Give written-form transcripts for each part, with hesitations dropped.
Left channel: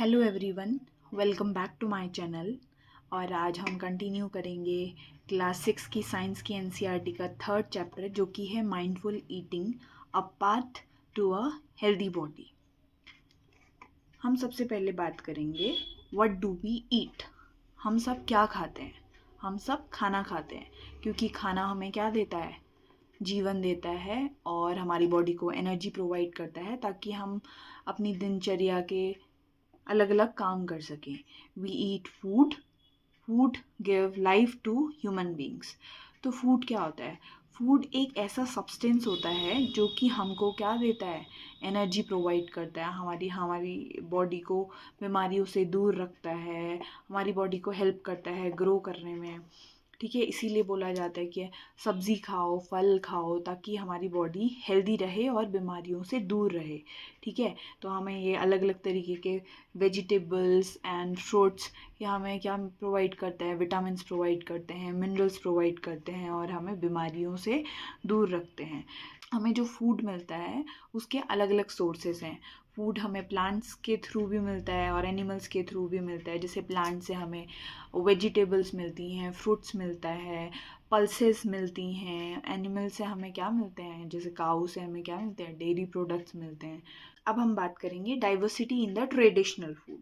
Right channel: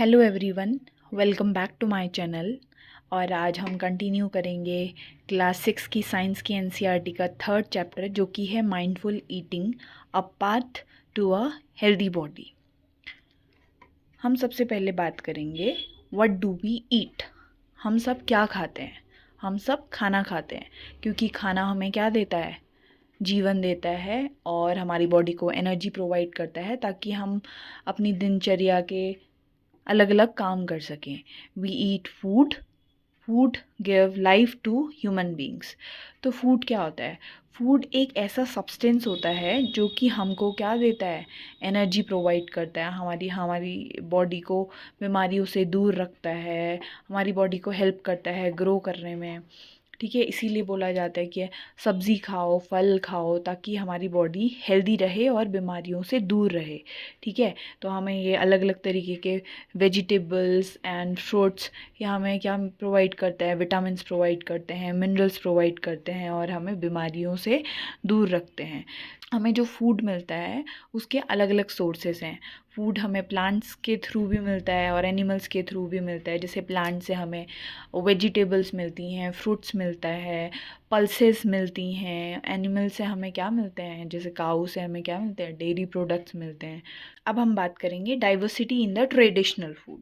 Hello everyone, welcome back to my channel. और आज हम कंटिन्यू करेंगे क्लास 6 की साइंस की एनसीईआरटी का थर्ड चैप्टर जो कि है mindful eating, a path to a healthy body. हम सबसे पहले बात करेंगे व्हाट डू वी ईट। हम सब क्या खाते हैं? हम सब खाना खाते हैं क्योंकि खाना हमें क्या देता है? जीवन देता है और हमारी बॉडी को एनर्जी प्रोवाइड करता है ताकि हम अपनी दिनचर्या के अलग अलग काम कर सकें। We eat food, food give life to human beings. तो फूड क्या होता है? फूड एक ऐसा सब्सटेंस होता है जो कि हमको क्या देता है? एनर्जी प्रोवाइड करता है, हमारी हमारी बॉडी को बीमारियों से दूर रखता है, हमारी बॉडी को हेल्प करता है ग्रो करने में। ठीक है, इसीलिए बोला जाता है कि सब्ज़ी खाओ, फल खाओ ताकि हमारी बॉडी हेल्दी रहे और बीमारियों से दूर रहे। ठीक है, तो हमें ये अलग अलग तरीके के वेजिटेबल्स एंड फ्रूट्स ये हमें क्या प्रोवाइड करता है? विटामिन्स प्रोवाइड करते हैं, मिनरल्स प्रोवाइड करते हैं और हमें बीमारियों से दूर रखते हैं। हमें जो फूड मिलता है उसके अलग अलग सोर्सेस हैं। फूड हमें प्लांट्स के थ्रू भी मिलता है और एनिमल्स के थ्रू भी मिलता है। जैसे प्लांट से हमें वेजिटेबल्स मिलती हैं, फ्रूट्स मिलता है, पल्सेस मिलती हैं। एनिमल से हमें क्या मिलते हैं? जैसे काऊ से हमें क्या मिलते हैं? डेयरी प्रोडक्ट्स मिलते हैं। अब हम बात करेंगे diversity in the traditional food.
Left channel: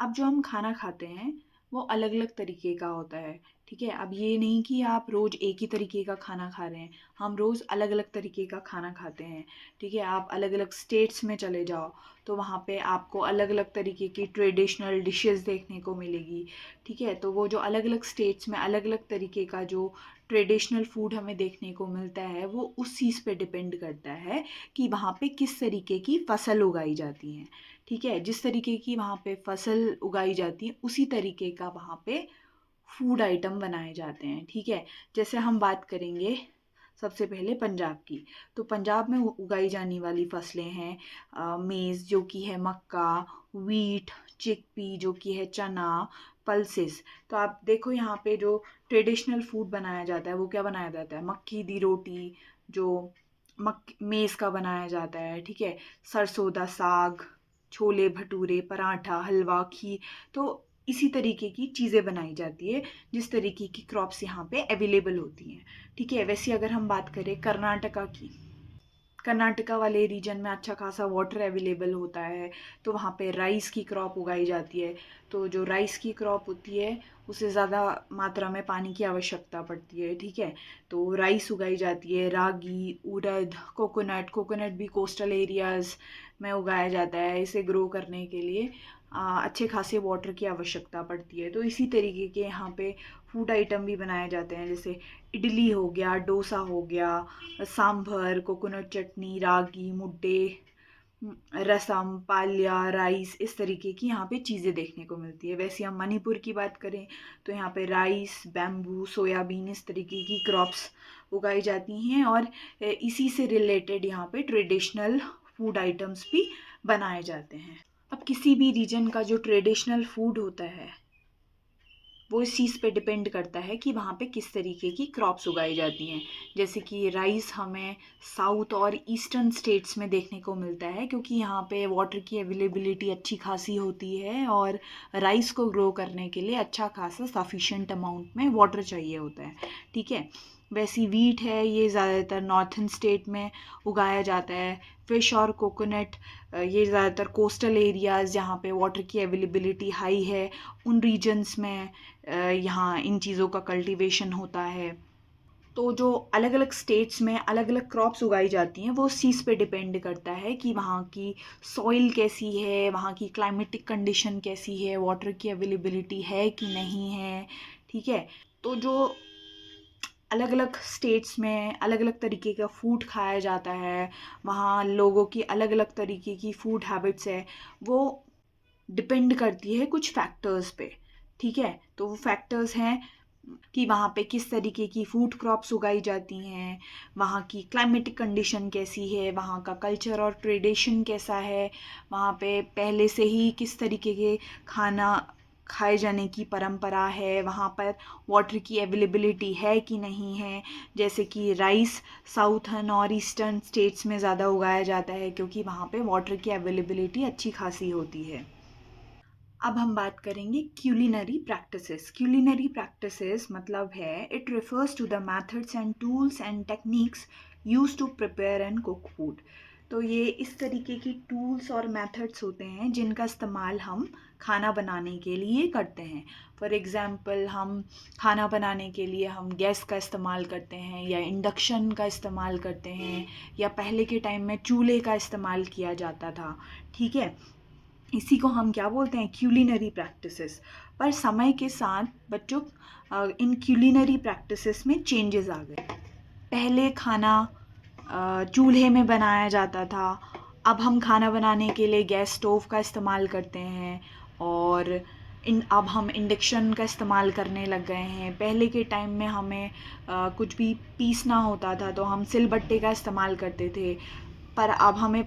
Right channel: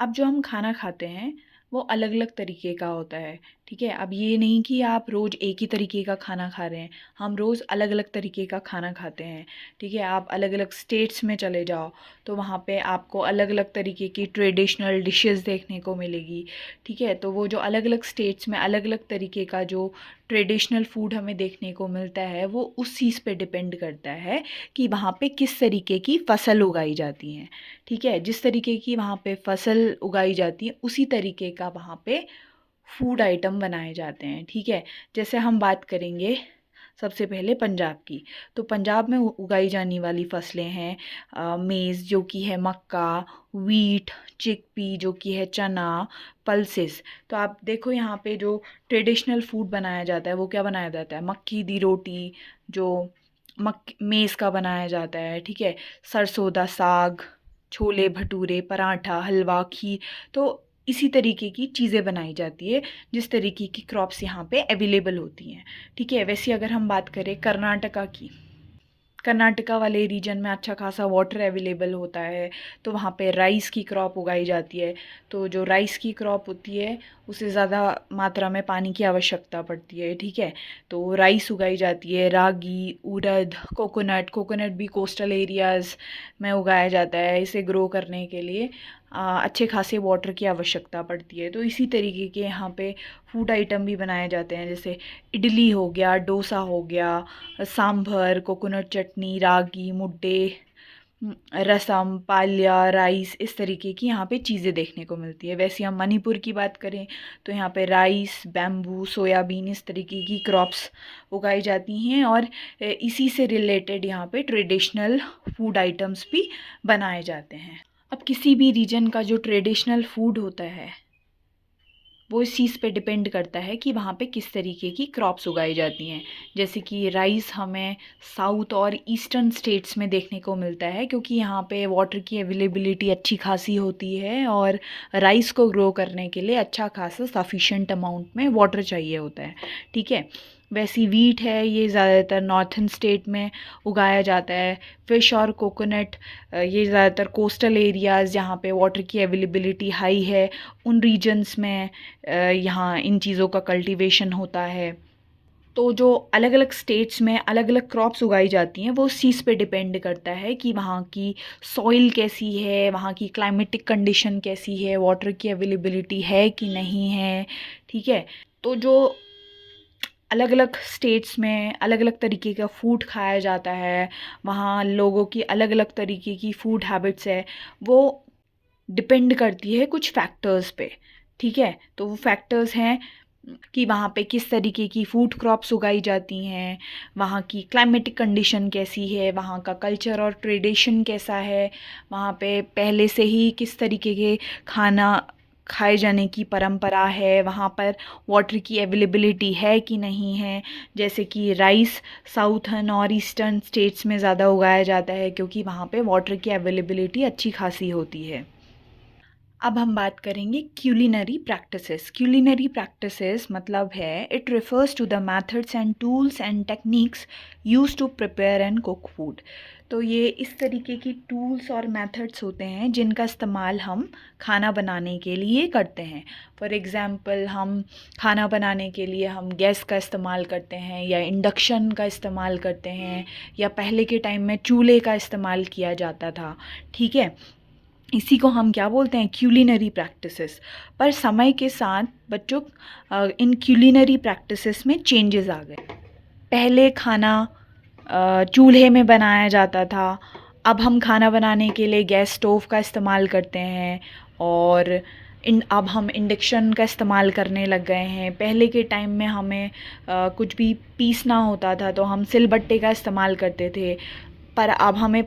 अब जो हम खाना खाते हैं वो अलग अलग तरीके का होता है। ठीक है, अब ये नहीं कि आप रोज़ एक ही तरीके का खाना खा रहे हैं, हम रोज़ अलग अलग तरीके का खाना खाते हैं। ठीक है, आप अलग अलग स्टेट्स में चले जाओ तो वहाँ पे आपको अलग अलग तरीके की ट्रेडिशनल डिशेस देखने को मिलेगी। ठीक है, तो वो जो अलग अलग स्टेट्स में अलग अलग तरीके का जो ट्रेडिशनल फूड हमें देखने को मिलता है वो उस चीज़ पे डिपेंड करता है कि वहाँ पे किस तरीके की फसल उगाई जाती हैं। ठीक है, जिस तरीके की वहाँ पे फसल उगाई जाती है उसी तरीके का वहाँ पे फूड आइटम बनाए जाते हैं। ठीक है, जैसे हम बात करेंगे सबसे पहले पंजाब की। तो पंजाब में उगाई जाने वाली फसलें हैं मेज़ जो कि है मक्का, वीट, चिकपी जो कि है चना, पल्सेस। तो आप देखो यहाँ पे जो ट्रेडिशनल फूड बनाया जाता है वो क्या बनाया जाता है? मक्की दी रोटी जो मेज़ का बनाया जाता है। ठीक है, सरसों दा साग, छोले भटूरे, पराठा, हलवा, खीर। तो इसी तरीके की चीज़ें बनाई जाती है जिस तरीके की क्रॉप्स यहाँ पे अवेलेबल होती हैं। ठीक है, वैसे अगर हम बात करें कर्नाटका की, कर्नाटका वाले रीजन में अच्छा खासा वाटर अवेलेबल होता है तो वहाँ पे राइस की क्रॉप उगाई जाती है। तो जो राइस की क्रॉप होती है उसे ज़्यादा मात्रा में पानी की आवश्यकता पड़ती है। ठीक है, तो राइस उगाई जाती है, रागी, उड़द, कोकोनट। कोकोनट भी कोस्टल एरियाज़ में उगाया जाता है। इसे ग्रो करने के लिए अच्छे खासे वाटर की आवश्यकता पड़ती है। तो इसी तरीके के यहाँ पे फूड आइटम भी बनाए जाते हैं, जैसे इडली हो गया, डोसा हो गया, सांभर, कोकोनट चटनी, रागी मुद्दे, रसम, पालिया, राइस, इस तरीके की यहाँ पे चीज़ें देखने को मिलती है। वैसे हम मणिपुर की बात करें तो यहाँ पे राइस, बैम्बू, सोयाबीन इस तरीके की क्रॉप्स उगाई जाती हैं और इसी से रिलेटेड यहाँ पे ट्रेडिशनल फूड आइटम्स भी बनाए जाते हैं। अब किसी भी रीजन का जो ट्रेडिशनल फूड होता है वो इस चीज़ पे डिपेंड करता है कि वहाँ पे किस तरीके की क्रॉप्स उगाई जाती हैं। जैसे कि राइस हमें साउथ और ईस्टर्न स्टेट्स में देखने को मिलता है क्योंकि यहाँ पे वाटर की अवेलेबिलिटी अच्छी खासी होती है और राइस को ग्रो करने के लिए अच्छा खासा सफिशेंट अमाउंट में वाटर चाहिए होता है। ठीक है, वैसी वीट है ये ज़्यादातर नॉर्थन स्टेट में उगाया जाता है। फ़िश और कोकोनट ये ज़्यादातर कोस्टल एरियाज़ जहाँ पे वाटर की अवेलेबिलिटी हाई है उन रीजन्स में यहाँ इन चीज़ों का कल्टीवेशन होता है। तो जो अलग अलग स्टेट्स में अलग अलग क्रॉप्स उगाई जाती हैं वो उस चीज़ पे डिपेंड करता है कि वहाँ की सॉइल कैसी है, वहाँ की क्लाइमेटिक कंडीशन कैसी है, वाटर की अवेलेबिलिटी है कि नहीं है। ठीक है, तो जो अलग अलग स्टेट्स में अलग अलग तरीके का फूड खाया जाता है, वहाँ लोगों की अलग अलग तरीके की फूड हैबिट्स है, वो डिपेंड करती है कुछ फैक्टर्स पे। ठीक है, तो वो फैक्टर्स हैं कि वहाँ पे किस तरीके की फूड क्रॉप्स उगाई जाती हैं, वहाँ की क्लाइमेटिक कंडीशन कैसी है, वहाँ का कल्चर और ट्रेडिशन कैसा है, वहाँ पे पहले से ही किस तरीके के खाना खाए जाने की परंपरा है, वहाँ पर वाटर की अवेलेबिलिटी है कि नहीं है। जैसे कि राइस साउथर्न और ईस्टर्न स्टेट्स में ज़्यादा उगाया जाता है क्योंकि वहाँ पे वाटर की अवेलेबिलिटी अच्छी खासी होती है। अब हम बात करेंगे क्यूलिनरी प्रैक्टिसेस। क्यूलिनरी प्रैक्टिसेस मतलब है it refers to the methods and tools and techniques use to prepare and cook food. तो ये इस तरीके की टूल्स और मेथड्स होते हैं जिनका इस्तेमाल हम खाना बनाने के लिए करते हैं। फॉर एग्ज़ाम्पल हम खाना बनाने के लिए हम गैस का इस्तेमाल करते हैं या इंडक्शन का इस्तेमाल करते हैं, या पहले के टाइम में चूल्हे का इस्तेमाल किया जाता था। ठीक है, इसी को हम क्या बोलते हैं, क्यूलिनरी प्रैक्टिसेस। पर समय के साथ बच्चों इन क्यूलिनरी प्रैक्टिसेस में चेंजेस आ गए। पहले खाना चूल्हे में बनाया जाता था, अब हम खाना बनाने के लिए गैस स्टोव का इस्तेमाल करते हैं, और अब हम इंडक्शन का इस्तेमाल करने लग गए हैं। पहले के टाइम में हमें कुछ भी पीसना होता था तो हम सिलबट्टे का इस्तेमाल करते थे, पर अब हमें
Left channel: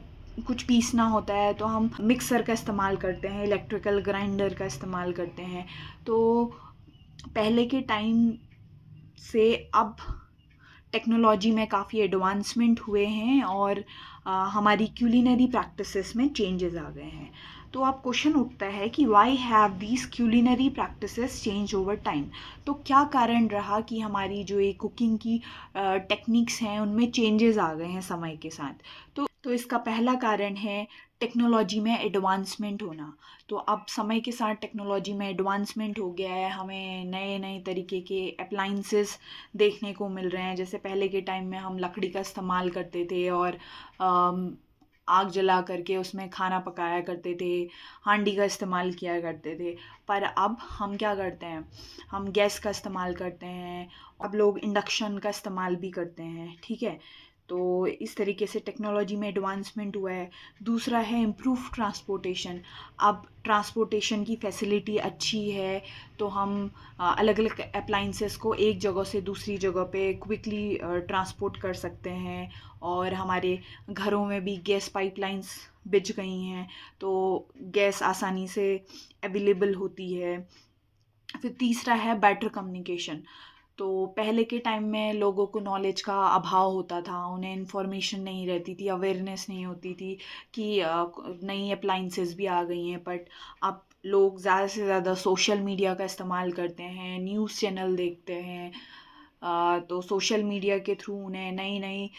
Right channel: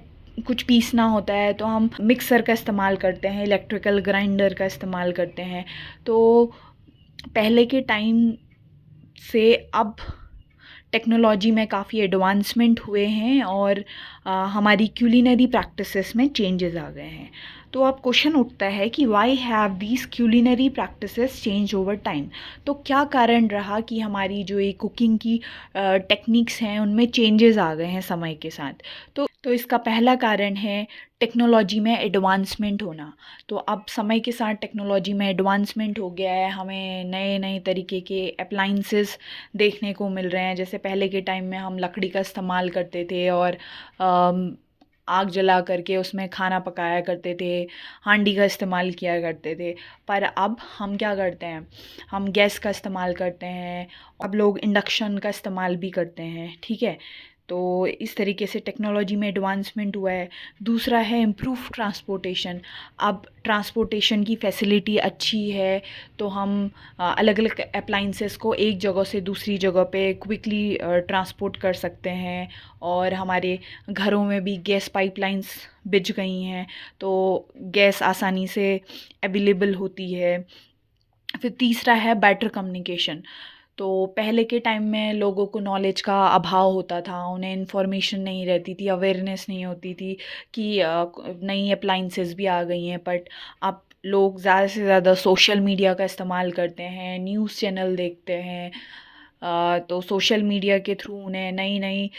कुछ पीसना होता है तो हम मिक्सर का इस्तेमाल करते हैं, इलेक्ट्रिकल ग्राइंडर का इस्तेमाल करते हैं। तो पहले के टाइम से अब टेक्नोलॉजी में काफ़ी एडवांसमेंट हुए हैं, और हमारी क्यूलिनरी प्रैक्टिसेस में चेंजेस आ गए हैं। तो अब क्वेश्चन उठता है कि why have these culinary practices change over time. तो क्या कारण रहा कि हमारी जो ये कुकिंग की टेक्निक्स हैं उनमें चेंजेस आ गए हैं समय के साथ। तो इसका पहला कारण है टेक्नोलॉजी में एडवांसमेंट होना। तो अब समय के साथ टेक्नोलॉजी में एडवांसमेंट हो गया है, हमें नए नए तरीके के अप्लाइंसेस देखने को मिल रहे हैं। जैसे पहले के टाइम में हम लकड़ी का इस्तेमाल करते थे और आग जला करके उसमें खाना पकाया करते थे, हांडी का इस्तेमाल किया करते थे। पर अब हम क्या करते हैं, हम गैस का इस्तेमाल करते हैं, अब लोग इंडक्शन का इस्तेमाल भी करते हैं। ठीक है, तो इस तरीके से टेक्नोलॉजी में एडवांसमेंट हुआ है। दूसरा है इम्प्रूव ट्रांसपोर्टेशन। अब ट्रांसपोर्टेशन की फैसिलिटी अच्छी है, तो हम अलग अलग अप्लाइंसेस को एक जगह से दूसरी जगह पे क्विकली ट्रांसपोर्ट कर सकते हैं, और हमारे घरों में भी गैस पाइपलाइंस बिछ गई हैं, तो गैस आसानी से अवेलेबल होती है। फिर तीसरा है बेटर कम्युनिकेशन। तो पहले के टाइम में लोगों को नॉलेज का अभाव होता था, उन्हें इन्फॉर्मेशन नहीं रहती थी, अवेयरनेस नहीं होती थी कि नई अप्लाइंसेस भी आ गई हैं। बट अब लोग ज़्यादा से ज़्यादा सोशल मीडिया का इस्तेमाल करते हैं, न्यूज़ चैनल देखते हैं, तो सोशल मीडिया के थ्रू उन्हें नई नई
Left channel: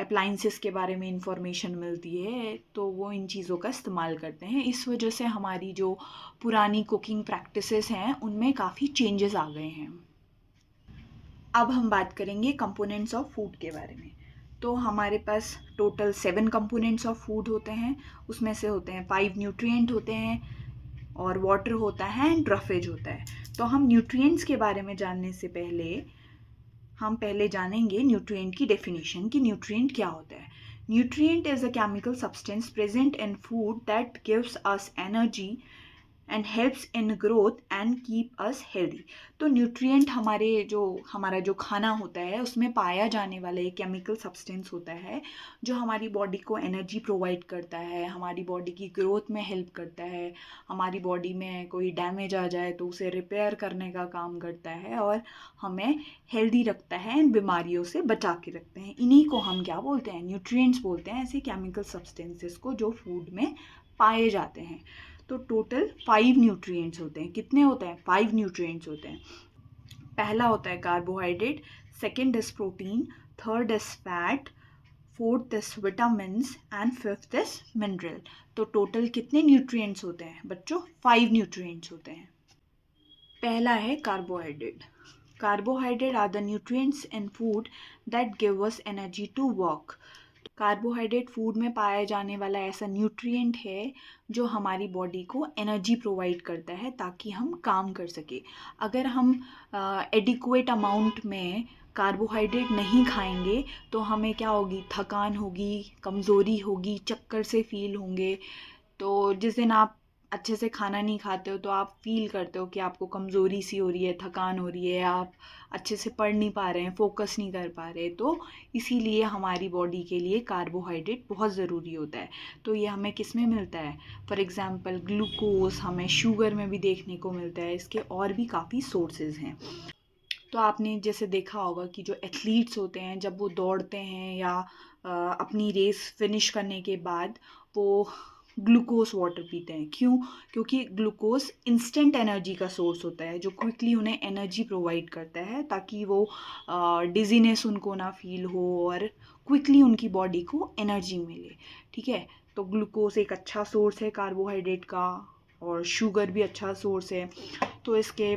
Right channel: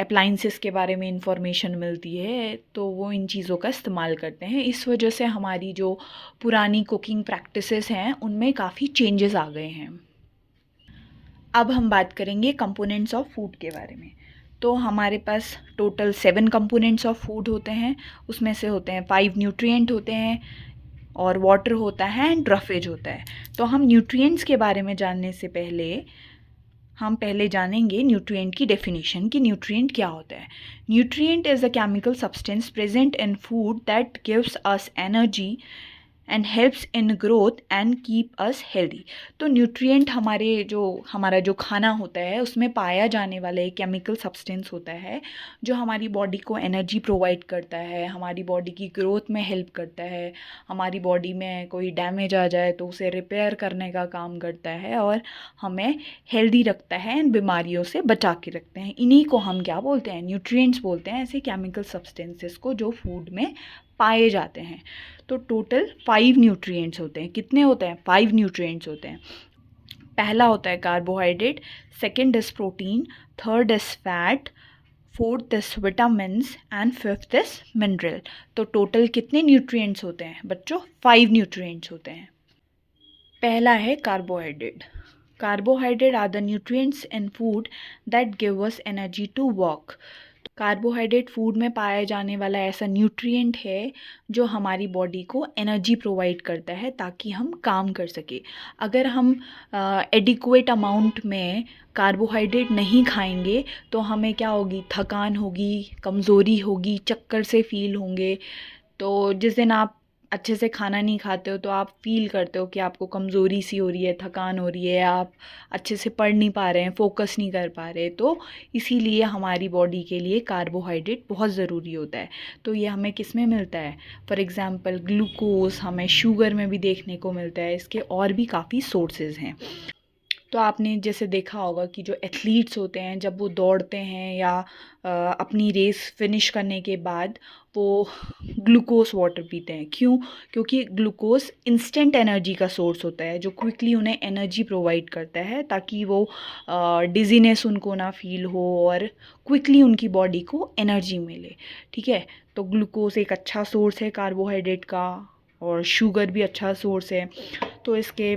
अप्लाइंसेस के बारे में इंफॉर्मेशन मिलती है, तो वो इन चीज़ों का इस्तेमाल करते हैं। इस वजह से हमारी जो पुरानी कुकिंग प्रैक्टिसेस हैं उनमें काफ़ी चेंजेस आ गए हैं। अब हम बात करेंगे कंपोनेंट्स ऑफ फूड के बारे में। तो हमारे पास टोटल 7 कंपोनेंट्स ऑफ फूड होते हैं। उसमें से होते हैं 5 न्यूट्रिएंट होते हैं, और वाटर होता है, एंड रफेज होता है। तो हम न्यूट्रिएंट्स के बारे में जानने से पहले हम पहले जानेंगे न्यूट्रिएंट की डेफिनेशन कि न्यूट्रिएंट क्या होता है। Nutrient is a chemical substance present in food that gives us energy and helps in growth and keep us healthy. तो न्यूट्रिएंट हमारा जो खाना होता है उसमें पाया जाने वाला एक केमिकल सब्सटेंस होता है जो हमारी बॉडी को एनर्जी प्रोवाइड करता है, हमारी बॉडी की ग्रोथ में हेल्प करता है, हमारी बॉडी में कोई डैमेज आ जाए तो उसे रिपेयर करने का काम करता है, और हमें हेल्दी रखता है एंड बीमारियों से बचा के रखते हैं। इन्हीं को हम क्या बोलते हैं, न्यूट्रिएंट्स बोलते हैं, ऐसे केमिकल सब्सटेंसेस को जो फूड में पाए जाते हैं। तो टोटल 5 न्यूट्रिएंट्स होते हैं। कितने होते हैं? 5 न्यूट्रिएंट्स होते हैं। पहला होता है carbohydrate, second is protein, third is fat, fourth is vitamins, and fifth is mineral. तो टोटल कितने न्यूट्रिएंट्स होते हैं बच्चों? 5 न्यूट्रिएंट्स होते हैं। पहला है carbohydrate. Carbohydrate are the nutrients in food that give us energy to work. Carbohydrate food में पाया जाने वाला ऐसा न्यूट्रिएंट है जो हमारी बॉडी को एनर्जी प्रोवाइड करता है ताकि हम काम कर सके। अगर हम एडिक्वेट अमाउंट में कार्बोहाइड्रेट नहीं खाएंगे तो हमें क्या होगी, थकान होगी, कमज़ोरी होगी, चक्कर से फील होंगे। तो जिस दिन आप अच्छे से खाना नहीं खाते हो तो आप फील करते हो कि आपको कमज़ोरी सी हो रही है, थकान हो रही है, आप अच्छे से पढ़ नहीं पा रहे हैं, फोकस नहीं कर पा रहे। तो इसीलिए हमारी बॉडी के लिए कार्बोहाइड्रेट बहुत ज़रूरी होता है। तो ये हमें किस में मिलता है? फॉर एग्ज़ाम्पल ग्लूकोज़ हमें शुगर में भी देखने को मिलता है। इसके और भी काफ़ी सोर्सेज हैं। तो आपने जैसे देखा होगा कि जो एथलीट्स होते हैं जब वो दौड़ते हैं या अपनी रेस फिनिश करने के बाद वो ग्लूकोज वाटर पीते हैं। क्यों? क्योंकि ग्लूकोज इंस्टेंट एनर्जी का सोर्स होता है जो क्विकली उन्हें एनर्जी प्रोवाइड करता है, ताकि वो डिजीनेस उनको ना फील हो और क्विकली उनकी बॉडी को एनर्जी मिले। ठीक है, तो ग्लूकोज एक अच्छा सोर्स है कार्बोहाइड्रेट का, और शुगर भी अच्छा सोर्स है। तो इसके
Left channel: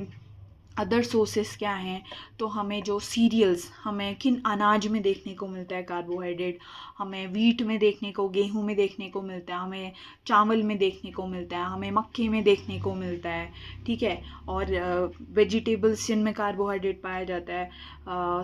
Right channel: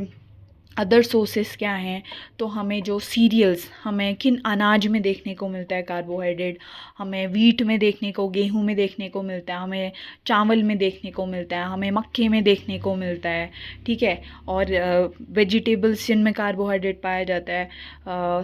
अदर सोर्सेस क्या हैं? तो हमें जो सीरियल्स, हमें किन अनाज में देखने को मिलता है कार्बोहाइड्रेट? हमें वीट में देखने को, गेहूं में देखने को मिलता है, हमें चावल में देखने को मिलता है, हमें मक्के में देखने को मिलता है। ठीक है, और वेजिटेबल्स जिनमें कार्बोहाइड्रेट पाया जाता है,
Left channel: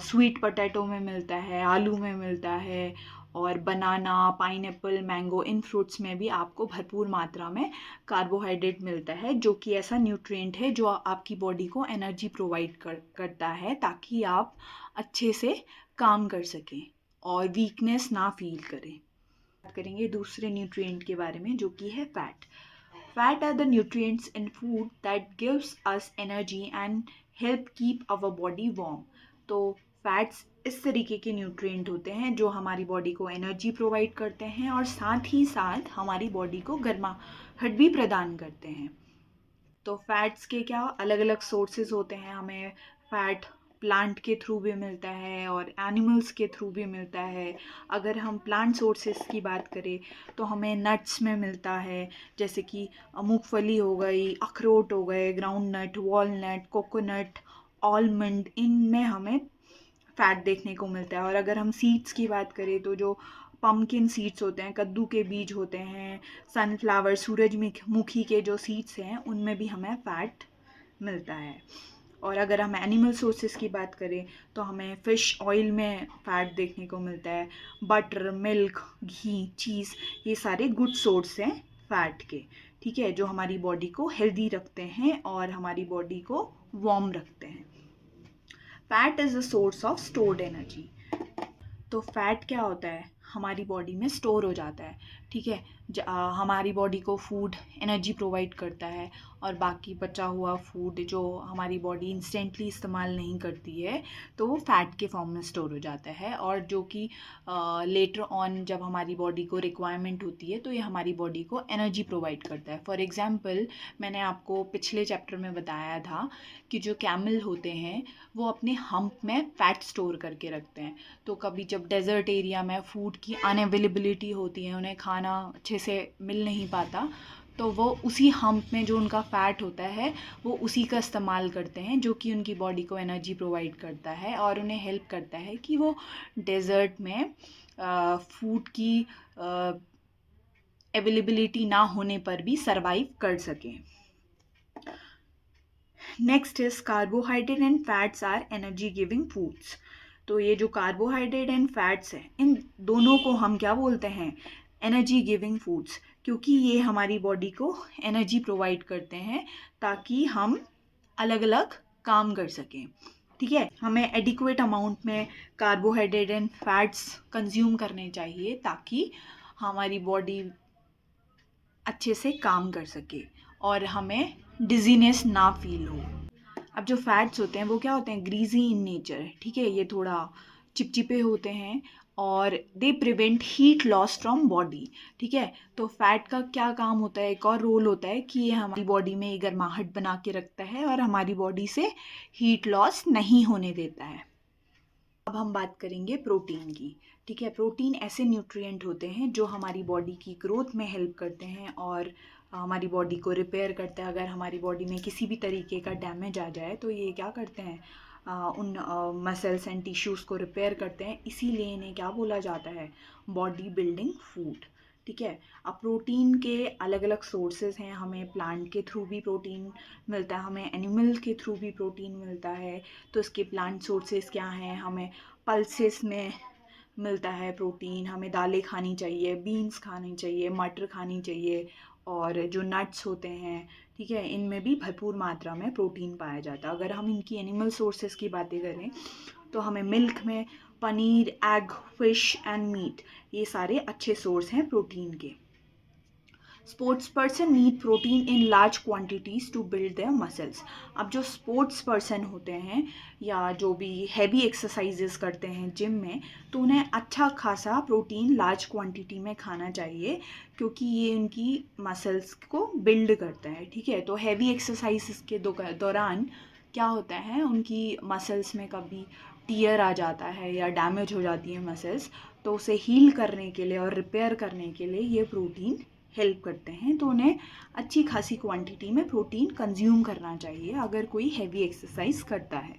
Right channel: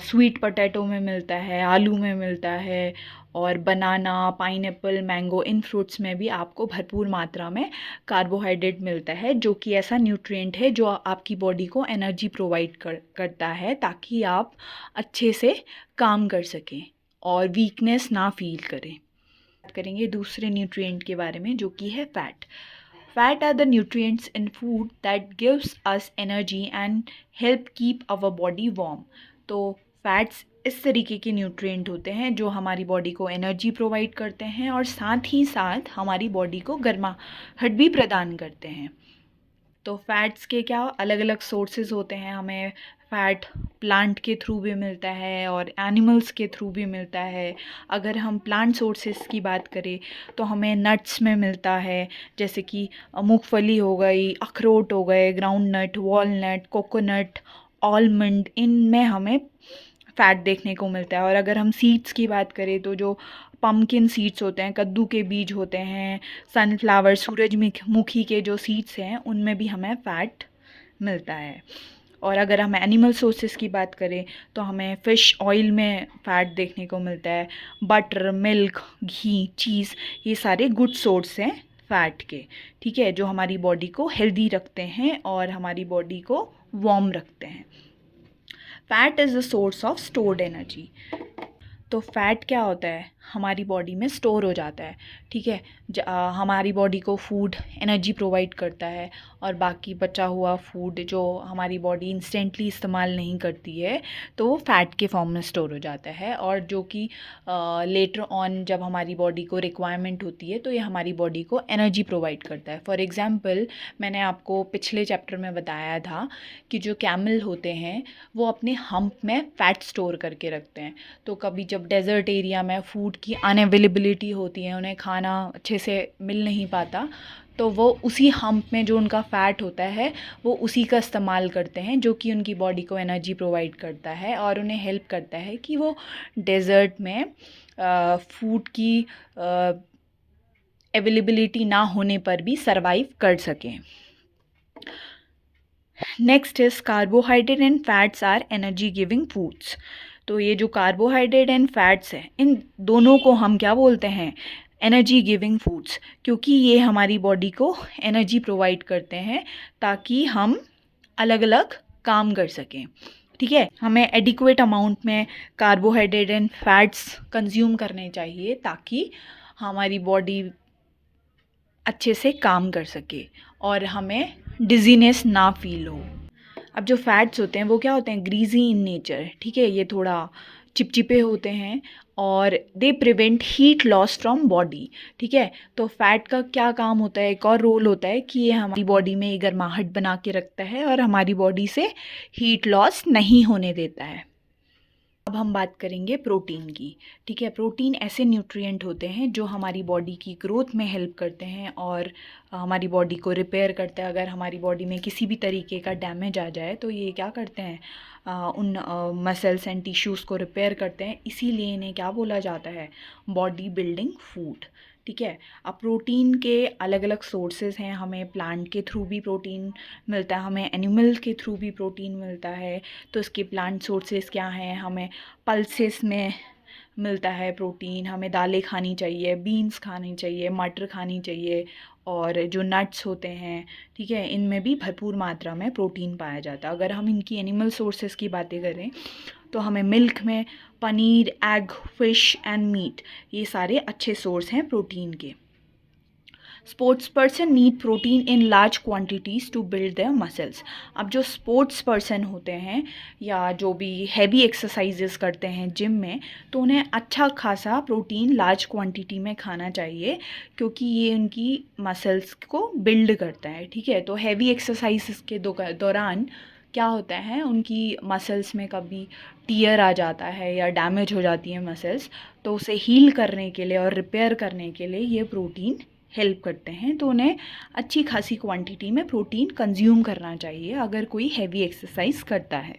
स्वीट पोटैटो में मिलता है, आलू में मिलता है, और बनाना, पाइनएप्पल, मैंगो, इन फ्रूट्स में भी आपको भरपूर मात्रा में कार्बोहाइड्रेट मिलता है, जो कि ऐसा न्यूट्रिएंट है जो आपकी बॉडी को एनर्जी प्रोवाइड करता है, ताकि आप अच्छे से काम कर सकें और वीकनेस ना फील करें। बात करेंगे दूसरे न्यूट्रिएंट के बारे में, जो कि है fat. Fat are the nutrients in food that gives us energy and help keep our body warm. तो फैट्स इस तरीके के न्यूट्रिएंट होते हैं जो हमारी बॉडी को एनर्जी प्रोवाइड करते हैं और साथ ही साथ हमारी बॉडी को गर्माहट भी प्रदान करते हैं। तो फैट्स के क्या अलग अलग सोर्सेज होते हैं? हमें फैट प्लांट के थ्रू भी मिलता है और एनिमल्स के थ्रू भी मिलता है। अगर हम प्लांट सोर्सेज की बात करें तो हमें नट्स में मिलता है, जैसे कि मूंगफली हो गई, अखरोट हो गए, groundnut, walnut, coconut, almond, इनमें हमें फ़ैट देखने को मिलता है। और अगर हम सीड्स की बात करें तो जो पम्पकिन सीड्स होते हैं, कद्दू के बीज होते हैं, सनफ्लावर, सूरजमुखी के जो सीड्स हैं, उनमें भी हमें फ़ैट मिलता है। और अगर हम एनिमल सोर्सेज की बात करें तो हमें फ़िश ऑयल में फ़ैट देखने को मिलता है। बटर, मिल्क, घी, चीज़, ये सारे गुड सोर्स हैं फ़ैट के। ठीक है, जो हमारी बॉडी को हेल्दी रखते हैं और हमारी बॉडी को वार्म रखते हैं। Fat is the source of stored energy. तो फैट क्या होता है? हमारी बॉडी में स्टोर हो जाता है। ठीक है, हमारी बॉडी को फूड एनर्जी प्रोवाइड करता है, और बाकी बचा हुआ फूड जो हमारी बॉडी इंस्टेंटली इस्तेमाल नहीं करती है, तो वो फैट के फॉर्म में स्टोर हो जाता है, और जो कि लेटर ऑन जब हमारी बॉडी को रिक्वायरमेंट होती है तो ये हमारी बॉडी को एनर्जी प्रोवाइड करता है। फॉर एग्ज़ाम्पल, मैंने आपको पिछले चैप्टर में बताया था कि जो कैमल होते हैं वो अपने हम्प में फ़ैट स्टोर करके रखते हैं। तो कभी जब डेज़र्ट एरिया में फूड की अनअवेलेबिलिटी होती है, उन्हें खाना अच्छे से मिल नहीं पाता, तो वो उसी हम्प में जो उनका फ़ैट होता है वो उसी का इस्तेमाल करते हैं, जो कि उनकी बॉडी को एनर्जी प्रोवाइड करता है और उन्हें हेल्प करता है कि वो डेज़र्ट में फूड की अवेलेबिलिटी ना होने पर भी सरवाइव कर सकें। Next is carbohydrate and fats are energy giving foods. तो ये जो कार्बोहाइड्रेट एंड फैट्स है, इन दोनों को हम क्या बोलते हैं? एनर्जी गिविंग फूड्स, क्योंकि ये हमारी बॉडी को एनर्जी प्रोवाइड करते हैं ताकि हम अलग अलग काम कर सकें। ठीक है, हमें एडिक्वेट अमाउंट में कार्बोहाइड्रेट एंड फैट्स कंज्यूम करने चाहिए ताकि हमारी बॉडी अच्छे से काम कर सके और हमें डिजीनेस ना फील हो। अब जो फैट्स होते हैं वो क्या होते हैं? Greasy in nature. ठीक है, ये थोड़ा चिपचिपे होते हैं और they prevent heat loss from body. ठीक है, तो फैट का क्या काम होता है? एक और रोल होता है कि ये हमारी बॉडी में गर्माहट बना के रखता है और हमारी बॉडी से हीट लॉस नहीं होने देता है। अब हम बात करेंगे प्रोटीन की। ठीक है, प्रोटीन ऐसे न्यूट्रिएंट होते हैं जो हमारी बॉडी की ग्रोथ में हेल्प करते हैं और हमारी बॉडी को रिपेयर करते हैं। अगर हमारी बॉडी में किसी भी तरीके का डैमेज आ जाए तो ये क्या करते हैं? उन मसल्स एंड टिश्यूज़ को रिपेयर करते हैं, इसीलिए इन्हें क्या बोला जाता है? Body building food. ठीक है, अब प्रोटीन के अलग अलग सोर्सेज हैं। हमें प्लांट के थ्रू भी प्रोटीन मिलता है, हमें एनिमल के थ्रू भी प्रोटीन मिलता है। तो इसके प्लांट सोर्सेज क्या हैं? हमें पल्सेस में मिलता है प्रोटीन, हमें दालें खानी चाहिए, बीन्स खानी चाहिए, मटर खानी चाहिए, और जो नट्स होते हैं, ठीक है, इनमें भी भरपूर मात्रा में प्रोटीन पाया जाता है। अगर हम इनकी एनिमल सोर्सेज की बातें करें तो हमें मिल्क में paneer, egg, fish and meat, ये सारे अच्छे सोर्स हैं प्रोटीन के। Sports person need protein in large quantities to build their muscles. अब जो स्पोर्ट्स पर्सन होते हैं या जो भी हैवी एक्सरसाइजेस करते हैं जिम में, तो उन्हें अच्छा खासा प्रोटीन लार्ज क्वांटिटी में खाना चाहिए, क्योंकि ये उनकी मसल्स को बिल्ड करता है। ठीक है, तो हैवी एक्सरसाइजेस के दौरान क्या होता है, उनकी मसल्स में कभी टीयर आ जाता है या डैमेज हो जाती है मसल्स, तो उसे हील करने के लिए और रिपेयर करने के लिए ये प्रोटीन हेल्प करते हैं। तो उन्हें अच्छी खासी क्वांटिटी में प्रोटीन कंज्यूम करना चाहिए अगर कोई हैवी एक्सरसाइज करता है।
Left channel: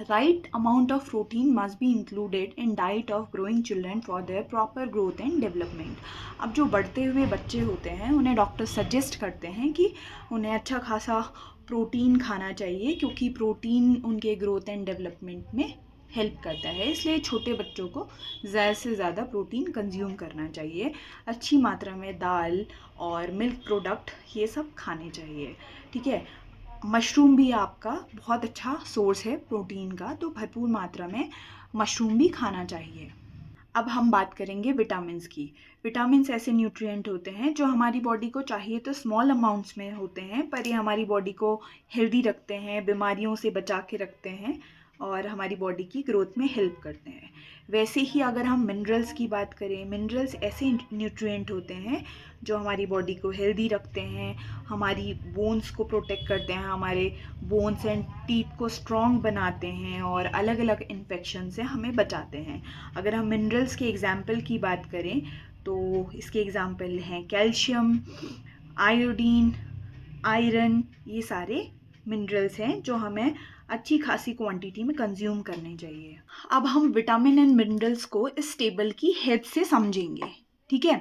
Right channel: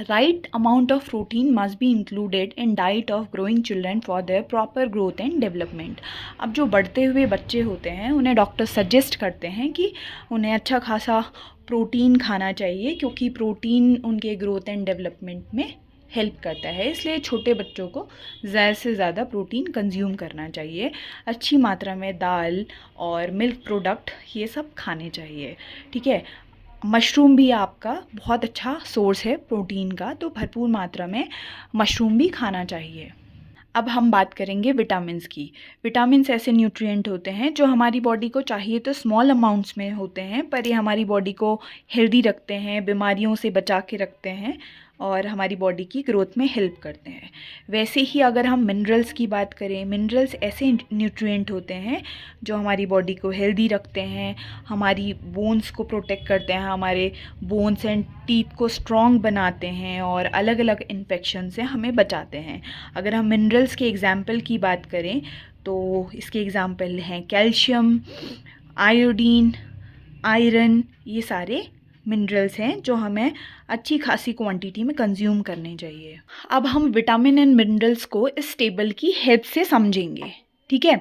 Right amount of protein must be included in diet of growing children for their proper growth and development. अब जो बढ़ते हुए बच्चे होते हैं उन्हें डॉक्टर सजेस्ट करते हैं कि उन्हें अच्छा खासा प्रोटीन खाना चाहिए, क्योंकि प्रोटीन उनके ग्रोथ एंड डेवलपमेंट में हेल्प करता है। इसलिए छोटे बच्चों को ज़्यादा से ज़्यादा प्रोटीन कंज्यूम करना चाहिए। अच्छी मात्रा में दाल और मिल्क प्रोडक्ट ये सब खाने चाहिए। ठीक है, मशरूम भी आपका बहुत अच्छा सोर्स है प्रोटीन का, तो भरपूर मात्रा में मशरूम भी खाना चाहिए। अब हम बात करेंगे विटामिन्स की। विटामिन्स ऐसे न्यूट्रिएंट होते हैं जो हमारी बॉडी को चाहिए तो स्मॉल अमाउंट्स में होते हैं, पर ये हमारी बॉडी को हेल्दी रखते हैं, बीमारियों से बचा के रखते हैं और हमारी बॉडी की ग्रोथ में हेल्प करते हैं। वैसे ही अगर हम मिनरल्स की बात करें, मिनरल्स ऐसे न्यूट्रिएंट होते हैं जो हमारी बॉडी को हेल्दी रखते हैं, हमारी बोन्स को प्रोटेक्ट करते हैं, हमारे बोन्स एंड टीथ को स्ट्रॉन्ग बनाते हैं और अलग अलग इन्फेक्शन से हमें बचाते हैं। अगर हम मिनरल्स के एग्जाम्पल की बात करें तो इसके एग्जाम्पल हैं कैल्शियम, आयोडीन, आयरन। ये सारे मिनरल्स हैं जो हमें अच्छी खासी क्वांटिटी में कंज्यूम करने चाहिए। अब हम विटामिन एंड मिनरल्स को इस टेबल की हेल्प से समझेंगे। ठीक है,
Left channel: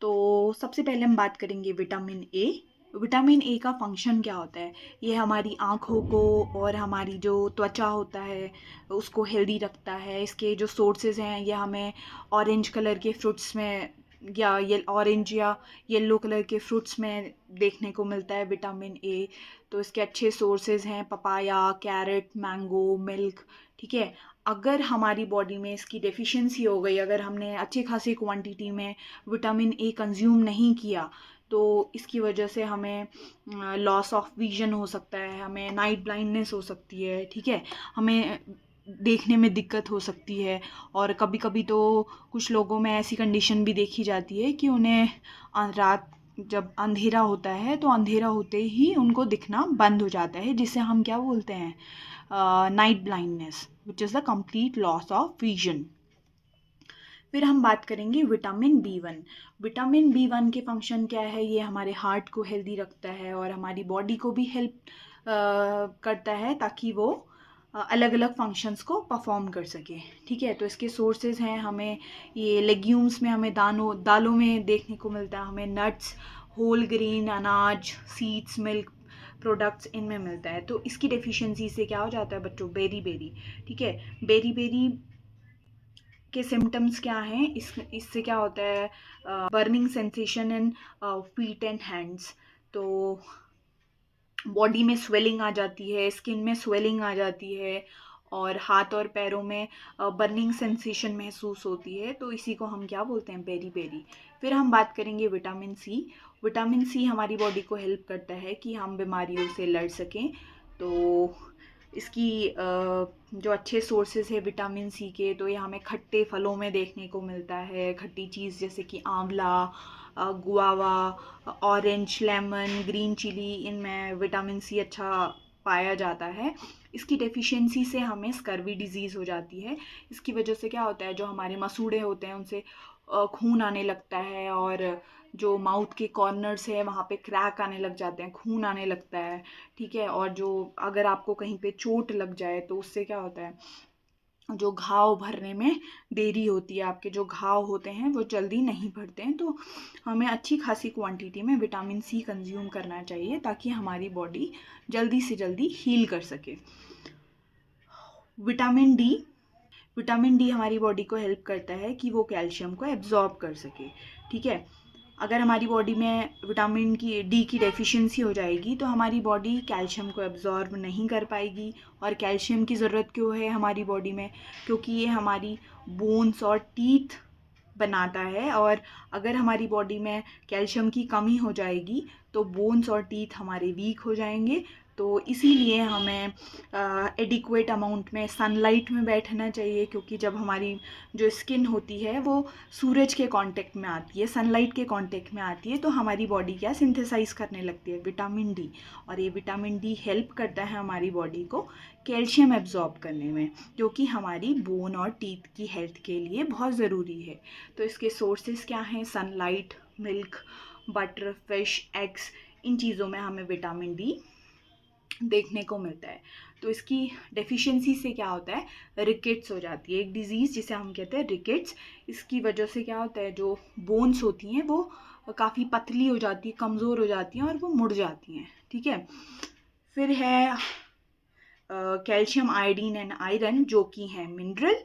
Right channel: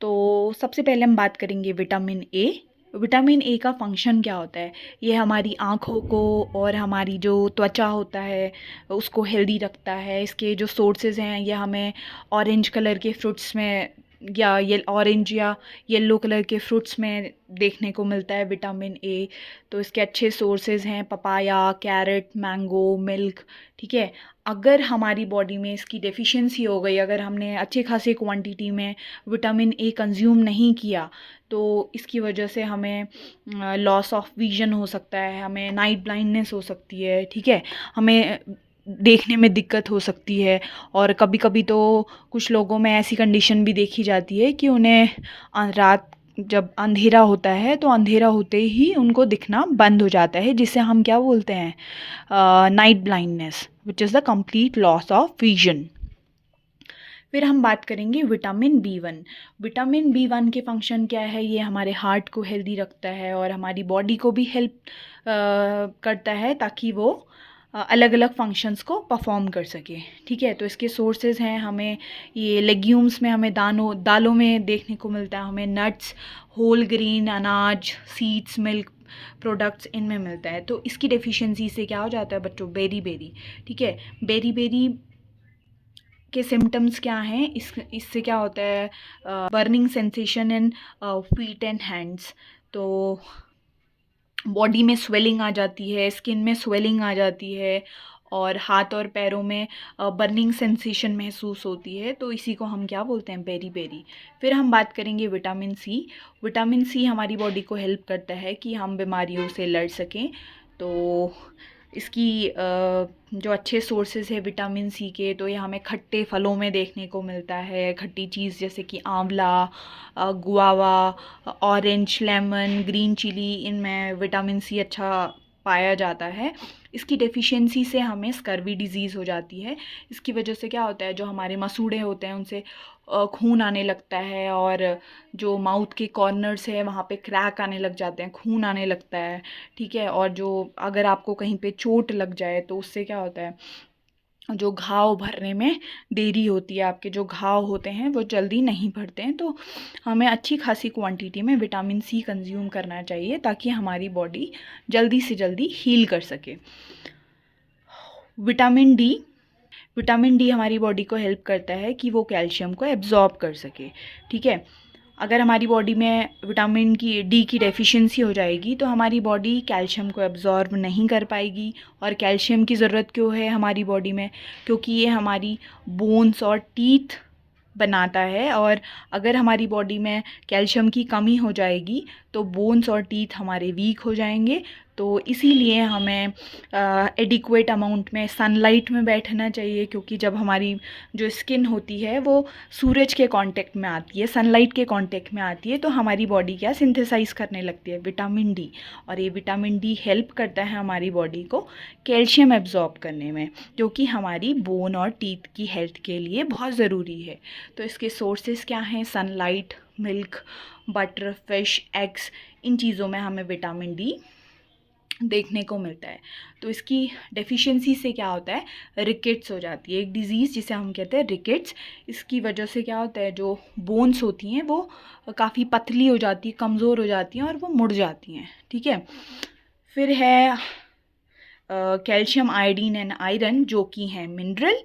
तो सबसे पहले हम बात करेंगे विटामिन ए। विटामिन ए का फंक्शन क्या होता है? ये हमारी आँखों को और हमारी जो त्वचा होता है उसको हेल्दी रखता है। इसके जो सोर्सेज हैं ये हमें ऑरेंज कलर के फ्रूट्स में या ये ऑरेंज या येलो कलर के फ्रूट्स में देखने को मिलता है विटामिन ए। तो इसके अच्छे सोर्सेज हैं पपाया, कैरेट, मैंगो, मिल्क। ठीक है, अगर हमारी बॉडी में इसकी डेफिशिएंसी हो गई, अगर हमने अच्छी खासी क्वांटिटी में विटामिन ए कंज्यूम नहीं किया, तो इसकी वजह से हमें लॉस ऑफ विजन हो सकता है, हमें नाइट ब्लाइंडनेस हो सकती है। ठीक है, हमें देखने में दिक्कत हो सकती है, और कभी कभी तो कुछ लोगों में ऐसी कंडीशन भी देखी जाती है कि उन्हें रात जब अंधेरा होता है तो अंधेरा होते ही उनको दिखना बंद हो जाता है, जिसे हम क्या बोलते हैं, night blindness, which is the complete loss of vision. फिर हम बात करेंगे विटामिन बी 1। विटामिन बी 1 के फंक्शन क्या है? ये हमारे हार्ट को हेल्दी रखता है और हमारी बॉडी को भी हेल्प करता है ताकि वो अलग अलग फंक्शंस को परफॉर्म कर सके। ठीक है, तो इसके सोर्सेज हैं हमें ये लेग्यूम्स में, हमें दालों में देखने को मिलता है, हमें नट्स, होल ग्रेन अनाज, सीड्स, मिल्क प्रोडक्ट्स इनमें मिलता है। तो इसकी डेफिशिएंसी से क्या हो जाता है बच्चों? Beriberi. ठीक है, बेरी बेरी के सिम्टम्स क्या हैं? इससे क्या होता है? Burning sensation in feet and hands. तो बॉडी में स्वेलिंग आ जाती है, स्किन में स्वेलिंग आ जाती है और हाथ और पैरों में बर्निंग सेंसेशन महसूस होती है। तो इसी को हम क्या बोलते हैं? Beriberi. फिर हम बात करेंगे विटामिन सी। विटामिन सी हमारी बॉडी को हेल्प करता है कि हम बीमारियों से लड़ सकें। तो इसकी जो अच्छे सोर्सेज है विटामिन सी के, तो ये हमें खट्टे फलों में देखने को मिलता है। खट्टी चीज़ जैसे कि आंवला, guava, orange, lemon, green chilli, इनमें विटामिन सी अच्छा पाया जाता है। इसकी डेफिशिएंसी से हमें स्कर्वी डिजीज़ हो जाती है। इसकी वजह से क्या होता है, जो हमारे मसूड़े होते हैं उनसे खून आने लगता है, और जो माउथ के कॉर्नर्स है वहाँ पे क्रैक आने लग जाते हैं, खून आने लगता है। ठीक है, और जो अगर आपको कहीं पे चोट लग जाए तो उससे क्या होता है, जो घाव भरने में देरी होती है, आपके जो घाव होते हैं वो जल्दी नहीं भरते हैं। तो हमें अच्छी खासी क्वांटिटी में विटामिन सी कंज्यूम करना चाहिए ताकि हमारी बॉडी जल्दी से जल्दी हील कर सके। Vitamin D. विटामिन डी हमारी बॉडी को हेल्प करता है कि वो कैल्शियम को एब्जॉर्ब कर सके। ठीक है, अगर हमारी बॉडी में विटामिन डी की डेफिशिएंसी हो जाएगी तो हमारी बॉडी कैल्शियम को एब्जॉर्ब नहीं कर पाएगी। और कैल्शियम की ज़रूरत क्यों है हमारी बॉडी में? क्योंकि ये हमारी बोन्स और टीथ बनाता है, और अगर हमारी बॉडी में कैल्शियम की कमी हो जाएगी तो बोन्स और टीथ हमारे वीक हो जाएंगे। तो इसीलिए हमें एडिक्वेट अमाउंट में सनलाइट में बैठना चाहिए, क्योंकि जब हमारी जो स्किन होती है वो सूरज के कांटेक्ट में आती है, सनलाइट के कांटेक्ट में आती है, तो हमारी बॉडी क्या सिंथेसाइज करने लगती है विटामिन डी, और ये विटामिन डी हेल्प करता है हमारी बॉडी को कैल्शियम एब्जॉर्ब करने में, जो कि हमारी बोन और टीथ की हेल्थ के लिए बहुत ज़रूरी है। तो इसके सोर्सेज क्या हैं? Sunlight, milk, butter, fish, eggs, इन चीज़ों में हमें विटामिन डी देखने को मिलता है। तो इसकी डेफिशिएंसी से क्या होता है? रिकेट्स हो जाती है, एक डिज़ीज़ जिसे हम कहते हैं रिकेट्स। इसकी वजह से क्या होता है, जो बोन्स होती हैं वो काफ़ी पतली हो जाती है, कमज़ोर हो जाती हैं और वो मुड़ जाती हैं। ठीक है, फिर है कैल्शियम, आयोडीन एंड आयरन, जो कि हैं मिनरल।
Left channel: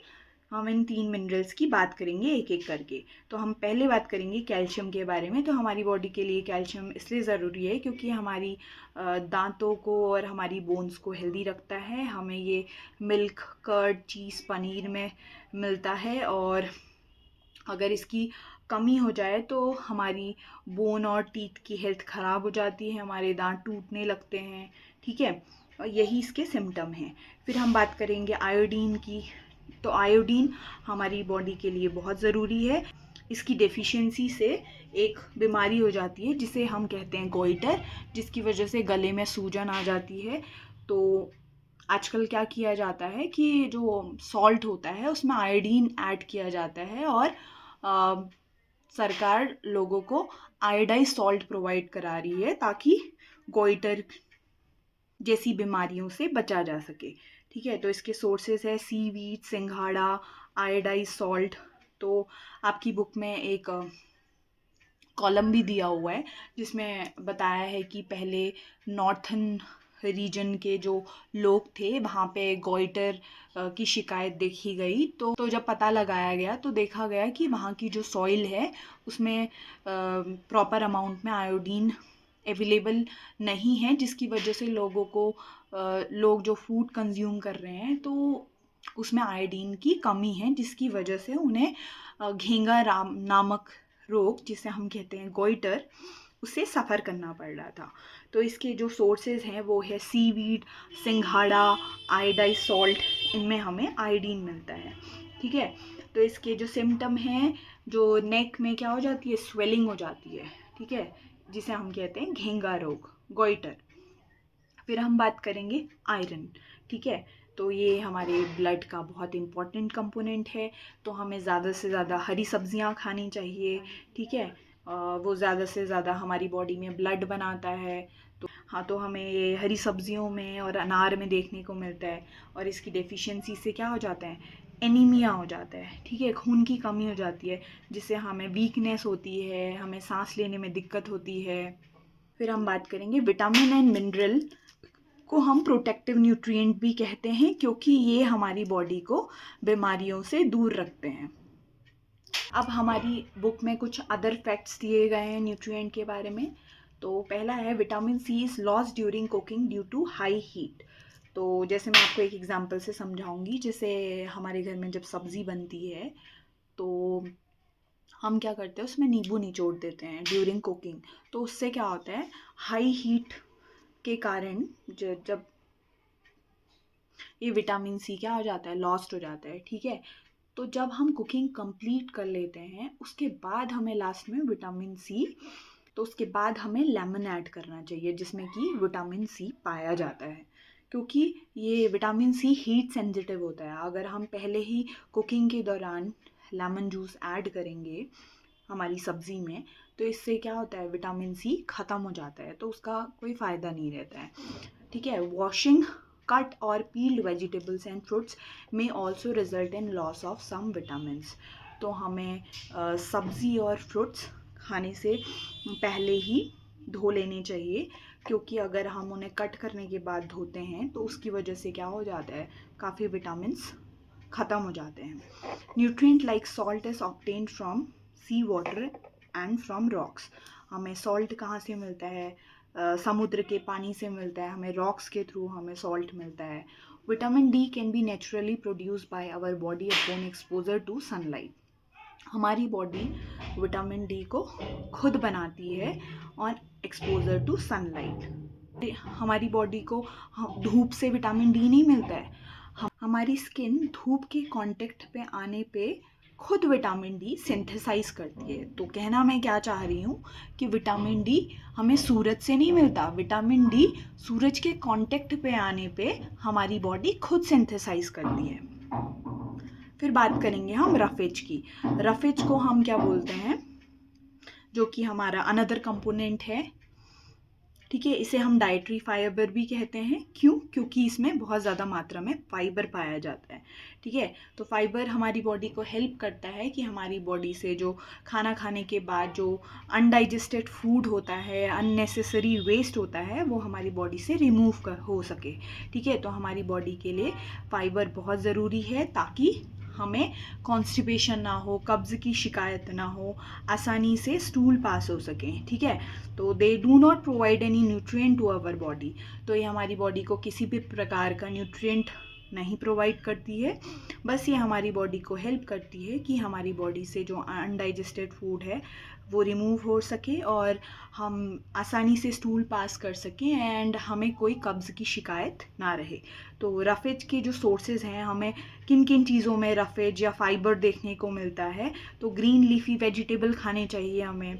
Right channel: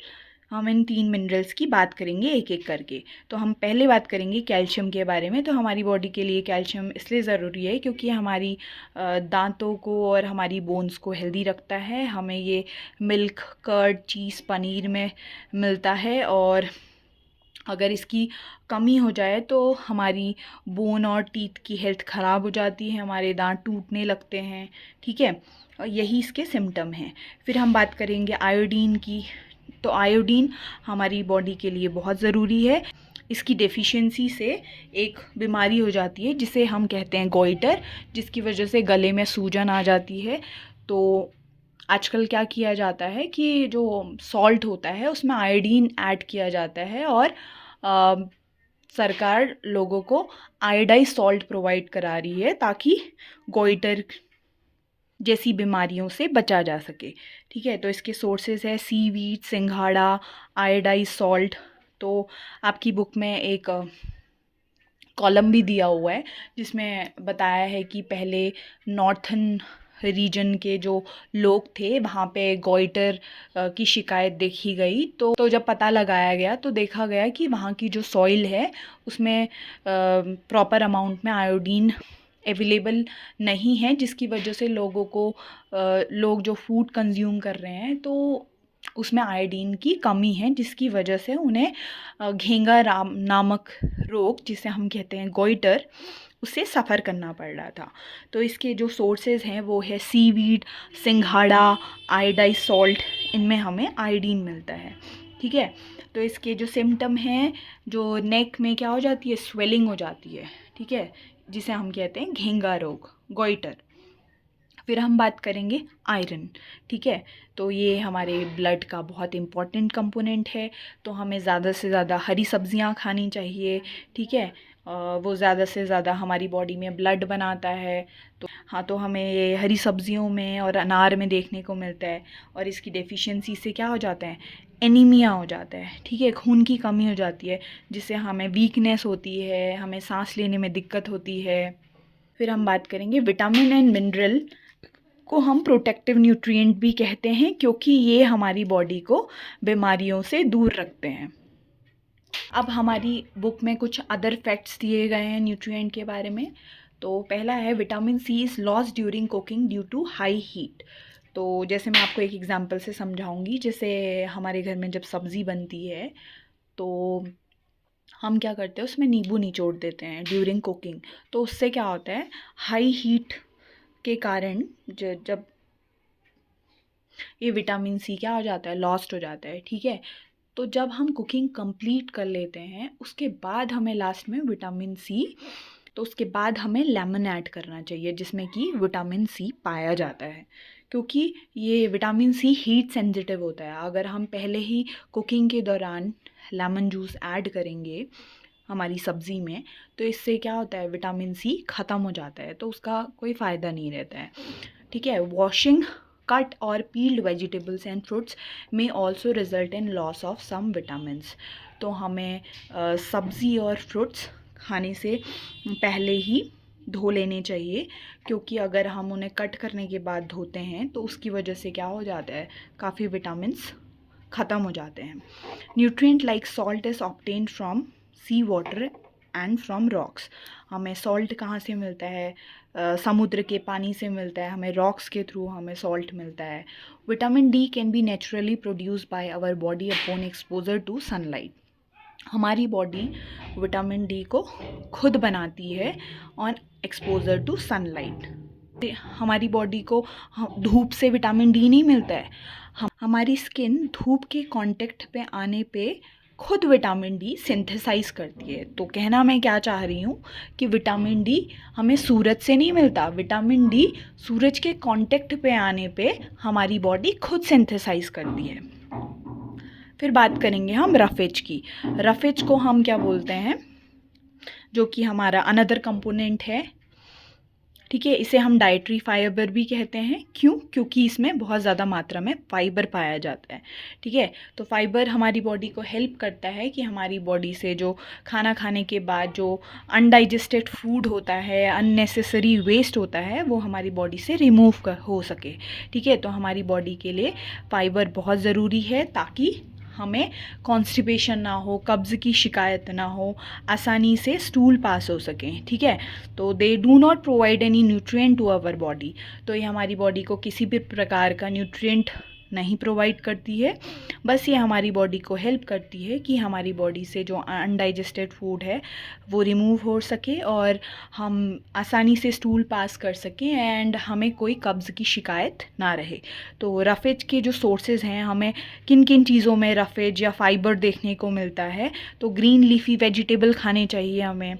हम इन 3 मिनरल्स की बात करेंगे एक एक करके। तो हम पहले बात करेंगे कैल्शियम के बारे में। तो हमारी बॉडी के लिए कैल्शियम इसलिए ज़रूरी है क्योंकि हमारी दांतों को और हमारी बोन्स को हेल्दी रखता है। हमें ये मिल्क, कर्ड, चीज़, पनीर में मिलता है, और अगर इसकी कमी हो जाए तो हमारी बोन और टीथ की हेल्थ ख़राब हो जाती है, हमारे दांत टूटने लगते हैं। ठीक है, और यही इसके सिम्टम हैं। फिर हम बात करेंगे आयोडीन की। तो आयोडीन हमारी बॉडी के लिए बहुत ज़रूरी है। इसकी डेफिशिएंसी से एक बीमारी हो जाती है जिसे हम कहते हैं गोइटर, जिसकी वजह से गले में सूजन आ जाती है। तो आजकल क्या किया जाता है कि जो सॉल्ट होता है उसमें आयोडीन ऐड किया जाता है, और सरकार लोगों को आयोडाइज सॉल्ट प्रोवाइड करा रही है ताकि गोइटर जैसी बीमारियों से बचा जा सके। ठीक है, तो इसके सोर्सेज है सीवीड, सिंघाड़ा, आयोडाइज सॉल्ट। तो आपकी बुक में एक कॉलम भी दिया हुआ है जिसमें बताया है कि पहले नॉर्थन रीजन के जो लोग थे वहाँ पे गोइटर की शिकायत देखी गई। तो जब पता लगाया गया तो देखा गया कि वहाँ की जो सॉइल है उसमें प्रॉपर अमाउंट में आयोडीन अवेलेबल नहीं है, जिसकी वजह से लोग जो फूड कंज्यूम कर रहे हैं तो उसमें आयोडीन की कमी है, जिसकी वजह से उन्हें घेंगा राम नामक रोग, जिसे हम कहते हैं गोइटर, उससे सफ़र करना पड़ रहा था। तो इसके जो सोर्सेज हैं वो है सीवीड, सिंघाड़ा, आयोडाइज सॉल्ट, इनमें हमें आयोडीन मिलता है। ठीक है, तो इसके जो सिम्टम हैं, जो नेक में क्या हो जाती है, स्वेलिंग हो जाती है। ठीक है, जिसे हम कहते हैं घेंगा रोग, गोइटर। फिर हम बात करेंगे आयरन। ठीक है, तो ये हमारे ब्लड का बहुत इम्पॉर्टेंट कंपोनेंट है, तो हमें ज़्यादा से ज़्यादा हरी सब्जियां खानी चाहिए। ठीक है, वो ज़्यादा से ज़्यादा हमारी बॉडी में ब्लड बनाता है। तो हाँ, तो हमें ये हरी सब्जियों में और अनार में देखने को मिलता है, और इसकी डेफिशिएंसी से क्या हो जाता है, एनीमिया हो जाता है। ठीक है, खून की कमी हो जाती है, जिससे हमें वीकनेस होती है, हमें सांस लेने में दिक्कत होती है। फिर हम बात करेंगे विटामिन एंड मिनरल, को हम प्रोटेक्टिव न्यूट्रिएंट भी कहते हैं क्योंकि ये हमारी बॉडी को बीमारियों से दूर रखते हैं। अब हमारी बुक में कुछ अदर फैक्ट्स दिए गए हैं न्यूट्रिएंट के बारे में। तो पहला है vitamin C is lost during cooking due to high heat. तो जैसे मैं आपको एक एग्जांपल से समझाऊंगी, जैसे हमारे घर में जब सब्ज़ी बनती है तो हम क्या करते हैं, उसमें नींबू निचोड़ देते हैं ड्यूरिंग कुकिंग। तो उससे क्या होता है, हाई हीट के कारण जब ये विटामिन सी क्या हो जाता है, लॉस्ट हो जाता है। ठीक है, तो जब हम कुकिंग कंप्लीट कर लेते हैं उसके बाद हमें लास्ट में विटामिन सी, तो उसके बाद हमें लेमन ऐड करना चाहिए जिसमें कि विटामिन सी पाया जाता है, क्योंकि ये विटामिन सी हीट सेंसिटिव होता है। अगर हम पहले ही कुकिंग के दौरान लेमन जूस ऐड करेंगे हमारी सब्ज़ी में, तो इससे क्या होता है, विटामिन सी ख़त्म हो जाता है, तो उसका कोई फ़ायदा नहीं रहता है। ठीक है, वॉशिंग कट और पील्ड वेजिटेबल्स एंड फ्रूट्स में also result in loss of some vitamins. तो हमें सब्ज़ी और फ्रूट्स खाने से पहले ही धो लेने चाहिए, क्योंकि अगर हम उन्हें कट करने के बाद धोते हैं तो उसकी वजह से क्या हो जाता है, काफ़ी विटामिन्स ख़त्म हो जाते हैं। Nutrient like salt is obtained from sea water and from rocks. हमें सॉल्ट कहाँ से मिलता है, समुद्र के पानी से मिलता है, हमें रॉक्स के थ्रू हमें सॉल्ट मिलता है। Vitamin D can be naturally produce by our body upon exposure to sunlight. हमारी बॉडी विटामिन डी को खुद बनाती है ऑन एक्सपोजर टू सनलाइट। हमारी बॉडी को धूप से विटामिन डी नहीं मिलता है, हमारी स्किन धूप के कांटेक्ट पे आने पे खुद विटामिन डी सिंथेसाइज करती है। तो कहना मैं क्या चाह रही हूँ कि विटामिन डी हमें सूरज से नहीं मिलता, विटामिन डी सूरज के कांटेक्ट पे आने पे हमारी बॉडी खुद सिंथेसाइज करती है। फिर बात करेंगे हम रफेज की। रफेज को हम क्या बोलते हैं, जो कि हमारा अनदर कंपोनेंट है, ठीक है। इसे हम डाइटरी फाइबर भी कहते हैं। क्यों? क्योंकि इसमें बहुत ज़्यादा मात्रा में फाइबर पाया जाता है, ठीक है। तो फाइबर हमारी बॉडी को हेल्प करता है कि हमारी बॉडी से जो खाना खाने के बाद जो अनडाइजेस्टेड फूड होता है, अननेसेसरी वेस्ट होता है, वो हमारी बॉडी से रिमूव हो सके, ठीक है। तो हमारी बॉडी के लिए फाइबर बहुत ज़रूरी है ताकि हमें कॉन्स्टिपेशन ना हो, कब्ज़ की शिकायत ना हो, आसानी से स्टूल पास हो सके, ठीक है। तो they do not provide any nutrient to our body. तो ये हमारी बॉडी को किसी भी प्रकार का न्यूट्रिएंट नहीं प्रोवाइड करती है। बस ये हमारी बॉडी को हेल्प करती है कि हमारी बॉडी से जो अनडाइजेस्टेड फूड है वो रिमूव हो सके और हम आसानी से स्टूल पास कर सकें एंड हमें कोई कब्ज़ की शिकायत ना रहे। तो रफेज के जो सोर्सेज हैं, हमें किन किन चीज़ों में रफेज या फाइबर देखने को मिलता है, तो ग्रीन लीफी वेजिटेबल खाने चाहिए हमें,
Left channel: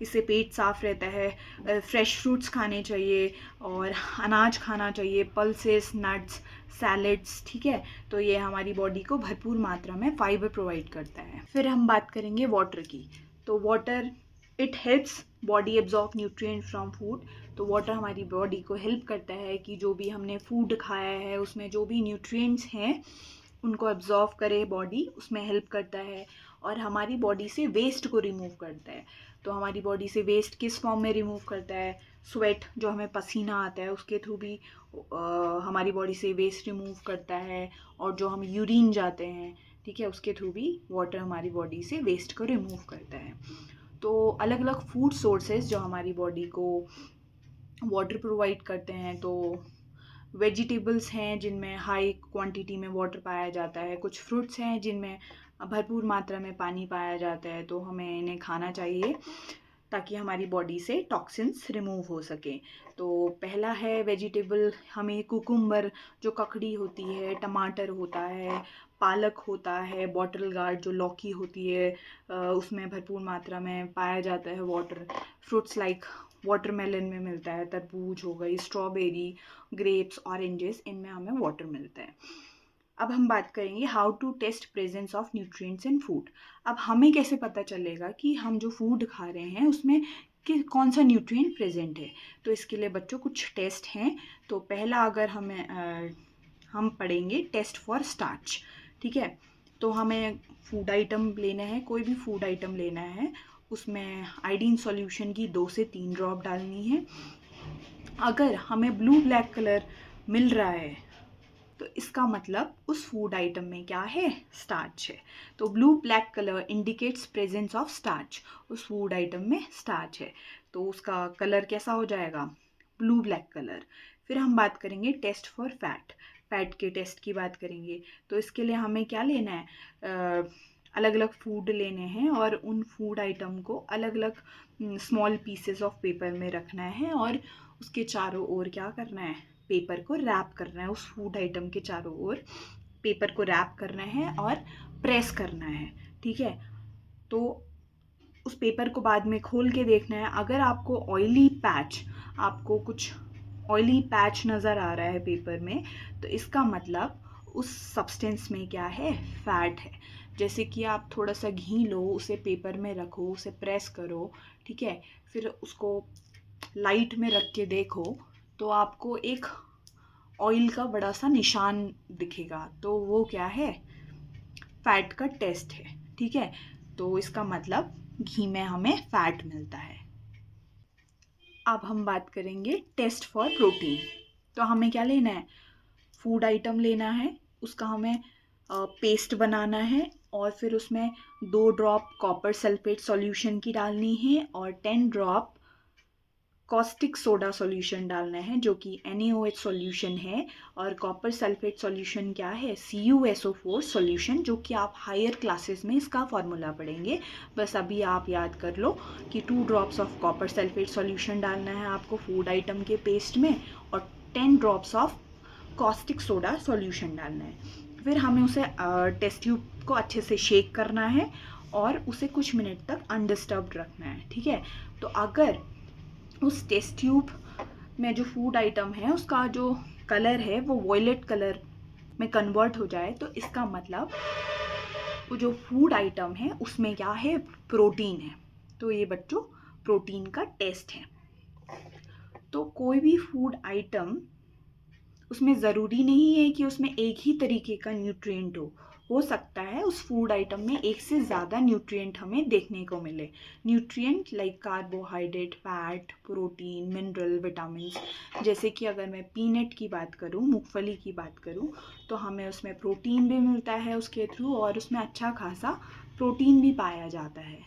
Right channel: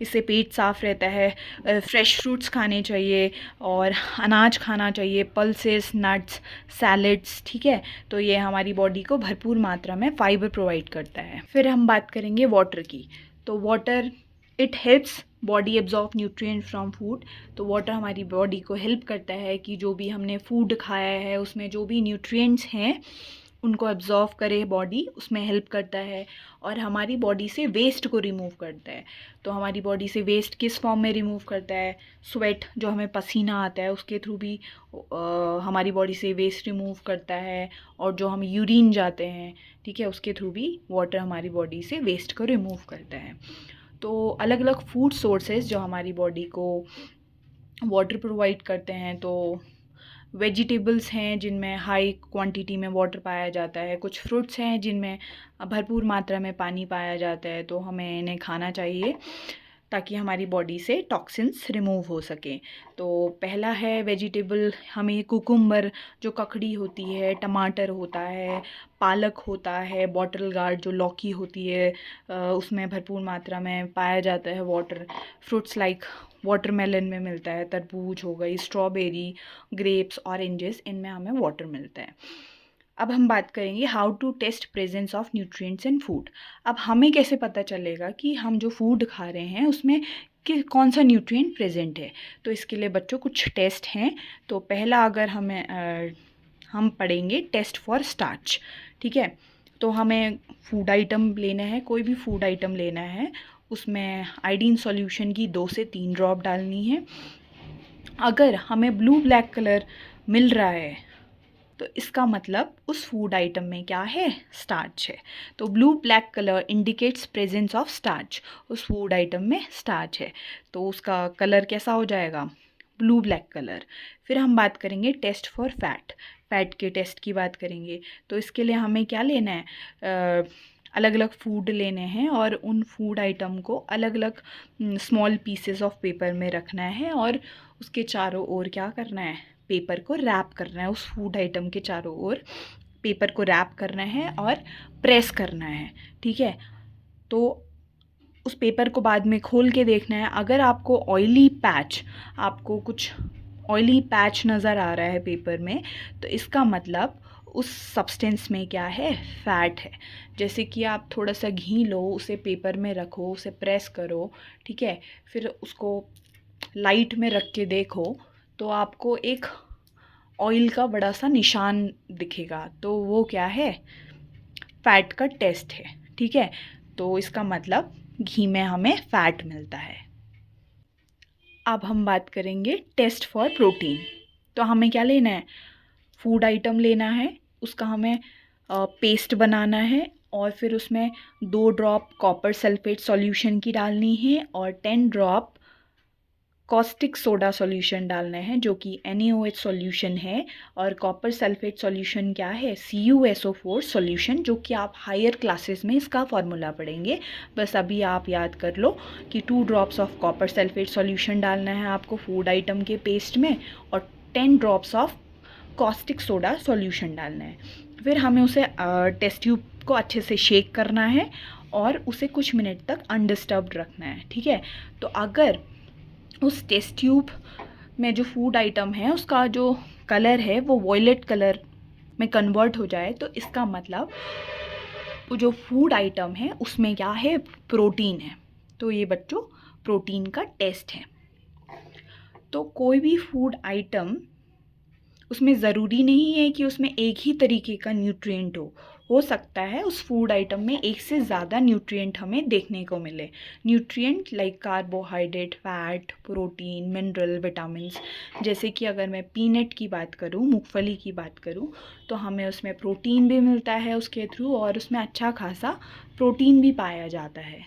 इससे पेट साफ़ रहता है। फ्रेश फ्रूट्स खाने चाहिए और अनाज खाना चाहिए, पल्सेस, नट्स, सैलड्स, ठीक है। तो ये हमारी बॉडी को भरपूर मात्रा में फाइबर प्रोवाइड करता है। फिर हम बात करेंगे वाटर की। तो water it helps body absorb nutrient from food. तो वाटर हमारी बॉडी को हेल्प करता है कि जो भी हमने फूड खाया है उसमें जो भी न्यूट्रिएंट्स हैं उनको एब्जॉर्व करे बॉडी, उसमें हेल्प करता है और हमारी बॉडी से वेस्ट को रिमूव करता है। तो हमारी बॉडी से वेस्ट किस फॉर्म में रिमूव करता है? स्वेट, जो हमें पसीना आता है उसके थ्रू भी हमारी बॉडी से वेस्ट रिमूव करता है, और जो हम यूरिन जाते हैं, ठीक है, उसके थ्रू भी वाटर हमारी बॉडी से वेस्ट को रिमूव करता है। तो अलग अलग फूड सोर्सेज जो हमारी बॉडी को वाटर प्रोवाइड करते हैं, तो वेजिटेबल्स हैं जिनमें हाई क्वांटिटी में वाटर पाया जाता है, कुछ फ्रूट्स हैं जिनमें भरपूर मात्रा में पानी पाया जाता है, तो हमें इन्हें खाना चाहिए ताकि हमारी बॉडी से टॉक्सिन्स रिमूव हो सके। तो पहला है वेजिटेबल, हमें कुकुम्बर जो ककड़ी होती है, टमाटर होता है, पालक होता है, बॉटल गार्ड जो लौकी होती है, उसमें भरपूर मात्रा में पाया जाता है वाटर। फ्रूट्स लाइक वाटरमेलन में मिलता है, तरबूज हो गई, स्ट्रॉबेरी, ग्रेप्स, ऑरेंजेस, इनमें हमें वाटर मिलता है। अब हम बात करेंगे how to test presence of nutrients in food. अब हमें कैसे पता चलेगा कि हम जो फूड खा रहे हैं उसमें कि कौन सा न्यूट्रिएंट प्रेजेंट है? तो इसके लिए बच्चों कुछ टेस्ट हैं। तो पहला, अगर हम पढ़ेंगे टेस्ट फॉर स्टार्च, ठीक है। तो हमें फूड आइटम लेना है, कोई भी फूड आइटम लेना है, उसमें आयोडीन सॉल्यूशन की 2 से 3 ड्रॉप डालनी है। अगर हमें ब्लू ब्लैक कलर मिल रहा है तो इसका मतलब उस फूड आइटम में क्या है? स्टार्च है। तो blue black colour indicates presence of starch, उस फूड आइटम में स्टार्च है, तो उसका कलर कैसा हो जाएगा? Blue black colour. फिर हम बात करेंगे टेस्ट फॉर फैट, फैट के टेस्ट की बात करेंगे। तो इसके लिए हमें क्या लेना है? अलग अलग फूड लेने हैं और उन फूड आइटम को अलग अलग स्मॉल पीसेस ऑफ पेपर में रखना है और उसके चारों ओर क्या करना है? पेपर को रैप करना है, उस फूड आइटम के चारों ओर पेपर को रैप करना है और प्रेस करना है, ठीक है। तो उस पेपर को बाद में खोल के देखना है, अगर आपको कुछ ऑयली पैच नज़र आ रहा है पेपर में, तो इसका मतलब उस सब्सटेंस में क्या है? फैट है। जैसे कि आप थोड़ा सा घी लो, उसे पेपर में रखो, उसे प्रेस करो, ठीक है, फिर उसको लाइट में रख के देखो तो आपको एक ऑयल का बड़ा सा निशान दिखेगा, तो वो क्या है? फैट का टेस्ट है, ठीक है। तो इसका मतलब घी में हमें फैट मिलता है। अब हम बात करेंगे टेस्ट फॉर प्रोटीन। तो हमें क्या लेना है? फूड आइटम लेना है, उसका हमें पेस्ट बनाना है और फिर उसमें 2 ड्रॉप कॉपर सल्फेट सॉल्यूशन की डालनी है और 10 ड्रॉप कॉस्टिक सोडा सॉल्यूशन डालना है जो कि NaOH सॉल्यूशन है, और कॉपर सल्फेट सॉल्यूशन क्या है, CuSO4 सॉल्यूशन, जो कि आप हायर क्लासेस में इसका फॉर्मूला पढ़ेंगे। बस अभी आप याद कर लो कि 2 drops of copper sulphate solution डालना है आपको फूड आइटम के पेस्ट में, और 10 drops of caustic soda solution डालना है। फिर हमें उसे टेस्ट ट्यूब को अच्छे से शेक करना है और उसे कुछ मिनट तक अनडिस्टर्ब्ड रखना है, ठीक है। तो अगर उस टेस्ट ट्यूब में जो फूड आइटम है उसका जो कलर है वो वॉयलेट कलर में कन्वर्ट हो जाए, तो इसका मतलब वो जो फूड आइटम है उसमें क्या है, प्रोटीन है। तो ये बच्चों प्रोटीन का टेस्ट है। तो कोई भी फूड आइटम, उसमें ज़रूरी नहीं है कि उसमें एक ही तरीके का न्यूट्रिएंट हो सकता है उस फूड आइटम में एक से ज़्यादा न्यूट्रिएंट हमें देखने को मिले। Nutrient like carbohydrate, fat, protein, mineral, vitamins. जैसे कि अगर मैं पीनट की बात करूँ, मूंगफली की बात करूँ, तो हमें उसमें प्रोटीन भी मिलता है उसके थ्रू, और उसमें अच्छा खासा प्रोटीन भी पाया जाता है।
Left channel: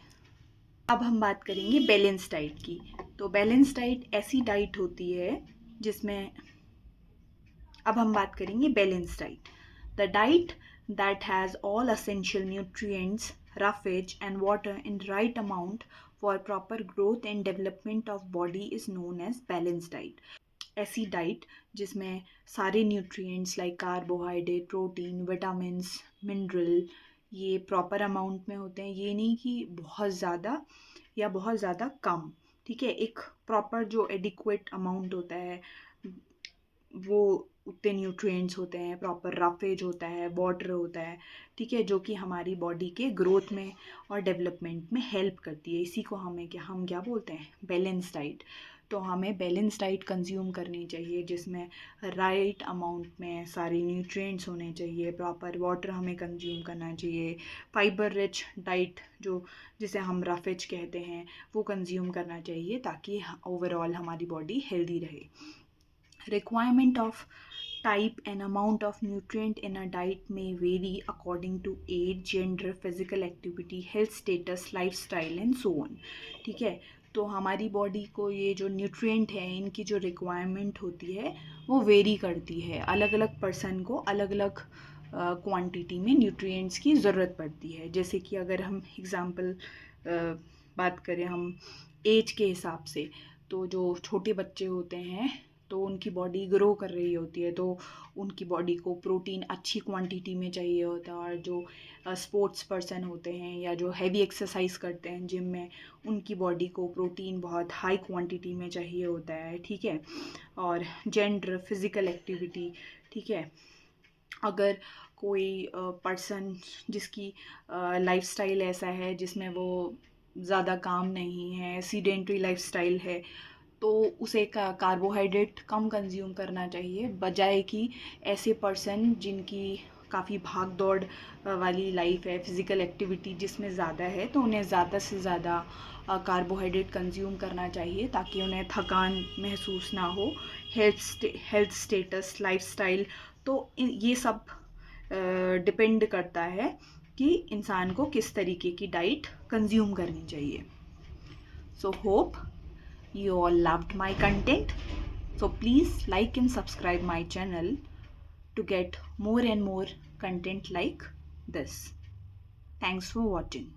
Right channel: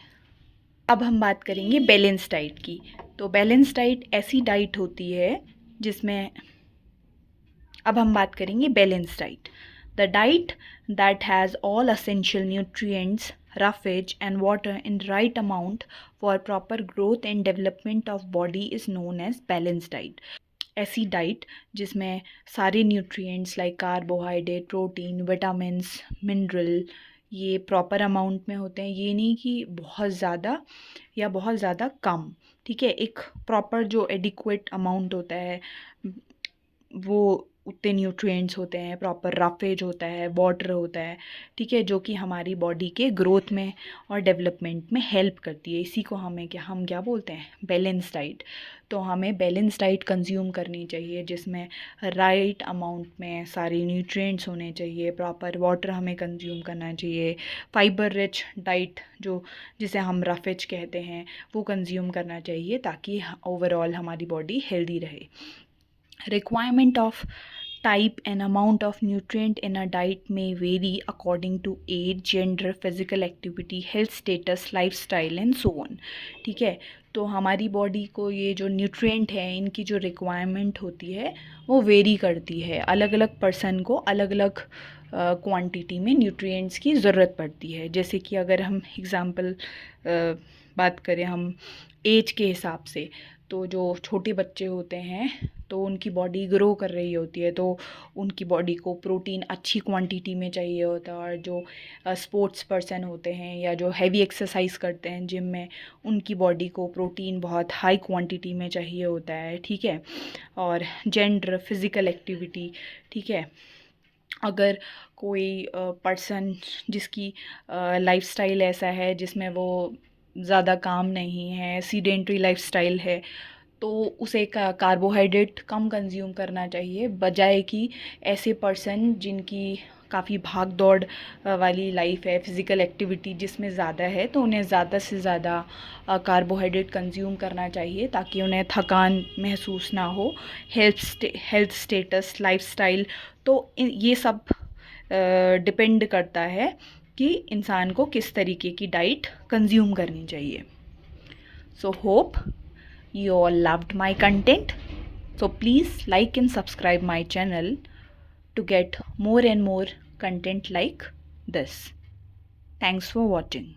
अब हम बात करेंगे बैलेंस डाइट की। तो बैलेंस डाइट ऐसी डाइट होती है जिसमें, अब हम बात करेंगे balance diet. The diet that has all essential nutrients, roughage and water in right amount for proper growth and development of body is known as balanced diet. ऐसी डाइट जिसमें सारे nutrients like carbohydrate, protein, vitamins, mineral ये proper amount में होते हैं। ये नहीं कि बहुत ज़्यादा या बहुत ज़्यादा कम, ठीक है। एक प्रॉपर जो एडिक्वेट अमाउंट होता है वो उतने न्यूट्रिएंट्स होते हैं, प्रॉपर रफेज होता है, वाटर होता है, ठीक है, जो कि हमारी बॉडी के ग्रोथ में और डेवलपमेंट में हेल्प करती है। इसी को हम क्या बोलते हैं, बैलेंस डाइट। तो हमें बैलेंस डाइट कंज्यूम करनी चाहिए जिसमें राइट अमाउंट में सारी न्यूट्रिएंट्स होने चाहिए, प्रॉपर वाटर हमें कंज्यूम करना चाहिए, फाइबर रिच डाइट जिसे हम रफेज कहते हैं वो कंज्यूम करना चाहिए, ताकि ओवरऑल हमारी बॉडी हेल्दी रहे। Requirement of type and amount of nutrient in a diet may vary according to age, gender, physical activity, health status, lifestyle and so on, ठीक है। तो हमारी बॉडी को ये जो न्यूट्रिएंट है इनकी जो रिक्वायरमेंट होती है वो वेरी करती है। अलग अलग पर्सन को अलग अलग क्वांटिटी में न्यूट्रिएंट्स की ज़रूरत पड़ती है। जैसे कि अगर हम एग्ज़ाम्पल बात करें हम एज के हिसाब से, तो जो छोटे बच्चे होते हैं तो उनकी बॉडी ग्रो कर रही होती है, तो उनकी बॉडी को प्रोटीन अच्छी क्वांटिटी में चाहिए होता है। और जो स्पोर्ट्स पर्सन होते हैं या जो हैवी एक्सरसाइज करते हैं जिम में, उनकी बॉडी को प्रोटीन बहुत हाई क्वांटिटी में चाहिए होता है, ठीक है। और जेंडर, फिज़िकल एक्टिविटी, ठीक है। अगर कोई पर्सन जिसकी लाइफस्टाइल ऐसा है जिसमें वो ज़्यादा काम नहीं है, सीडेंट्री लाइफस्टाइल है, तो उसे कार्बोहाइड्रेट कम कंज्यूम करना चाहिए, बजाय कि ऐसे पर्सन जिनकी काफ़ी भाग दौड़ वाली लाइफ है, फिज़िकल एक्टिविटी जिसमें ज़्यादा है, तो उन्हें ज़्यादा से ज़्यादा कार्बोहाइड्रेट कंज्यूम करना चाहिए ताकि उन्हें थकान महसूस ना हो। हेल्थ स्टेटस, लाइफस्टाइल, तो ये सब डिपेंड करता है कि इंसान को किस तरीके की डाइट कंज्यूम करनी चाहिए। So hope you all loved my content, so please like and subscribe my channel to get more and more content like this. Thanks for watching.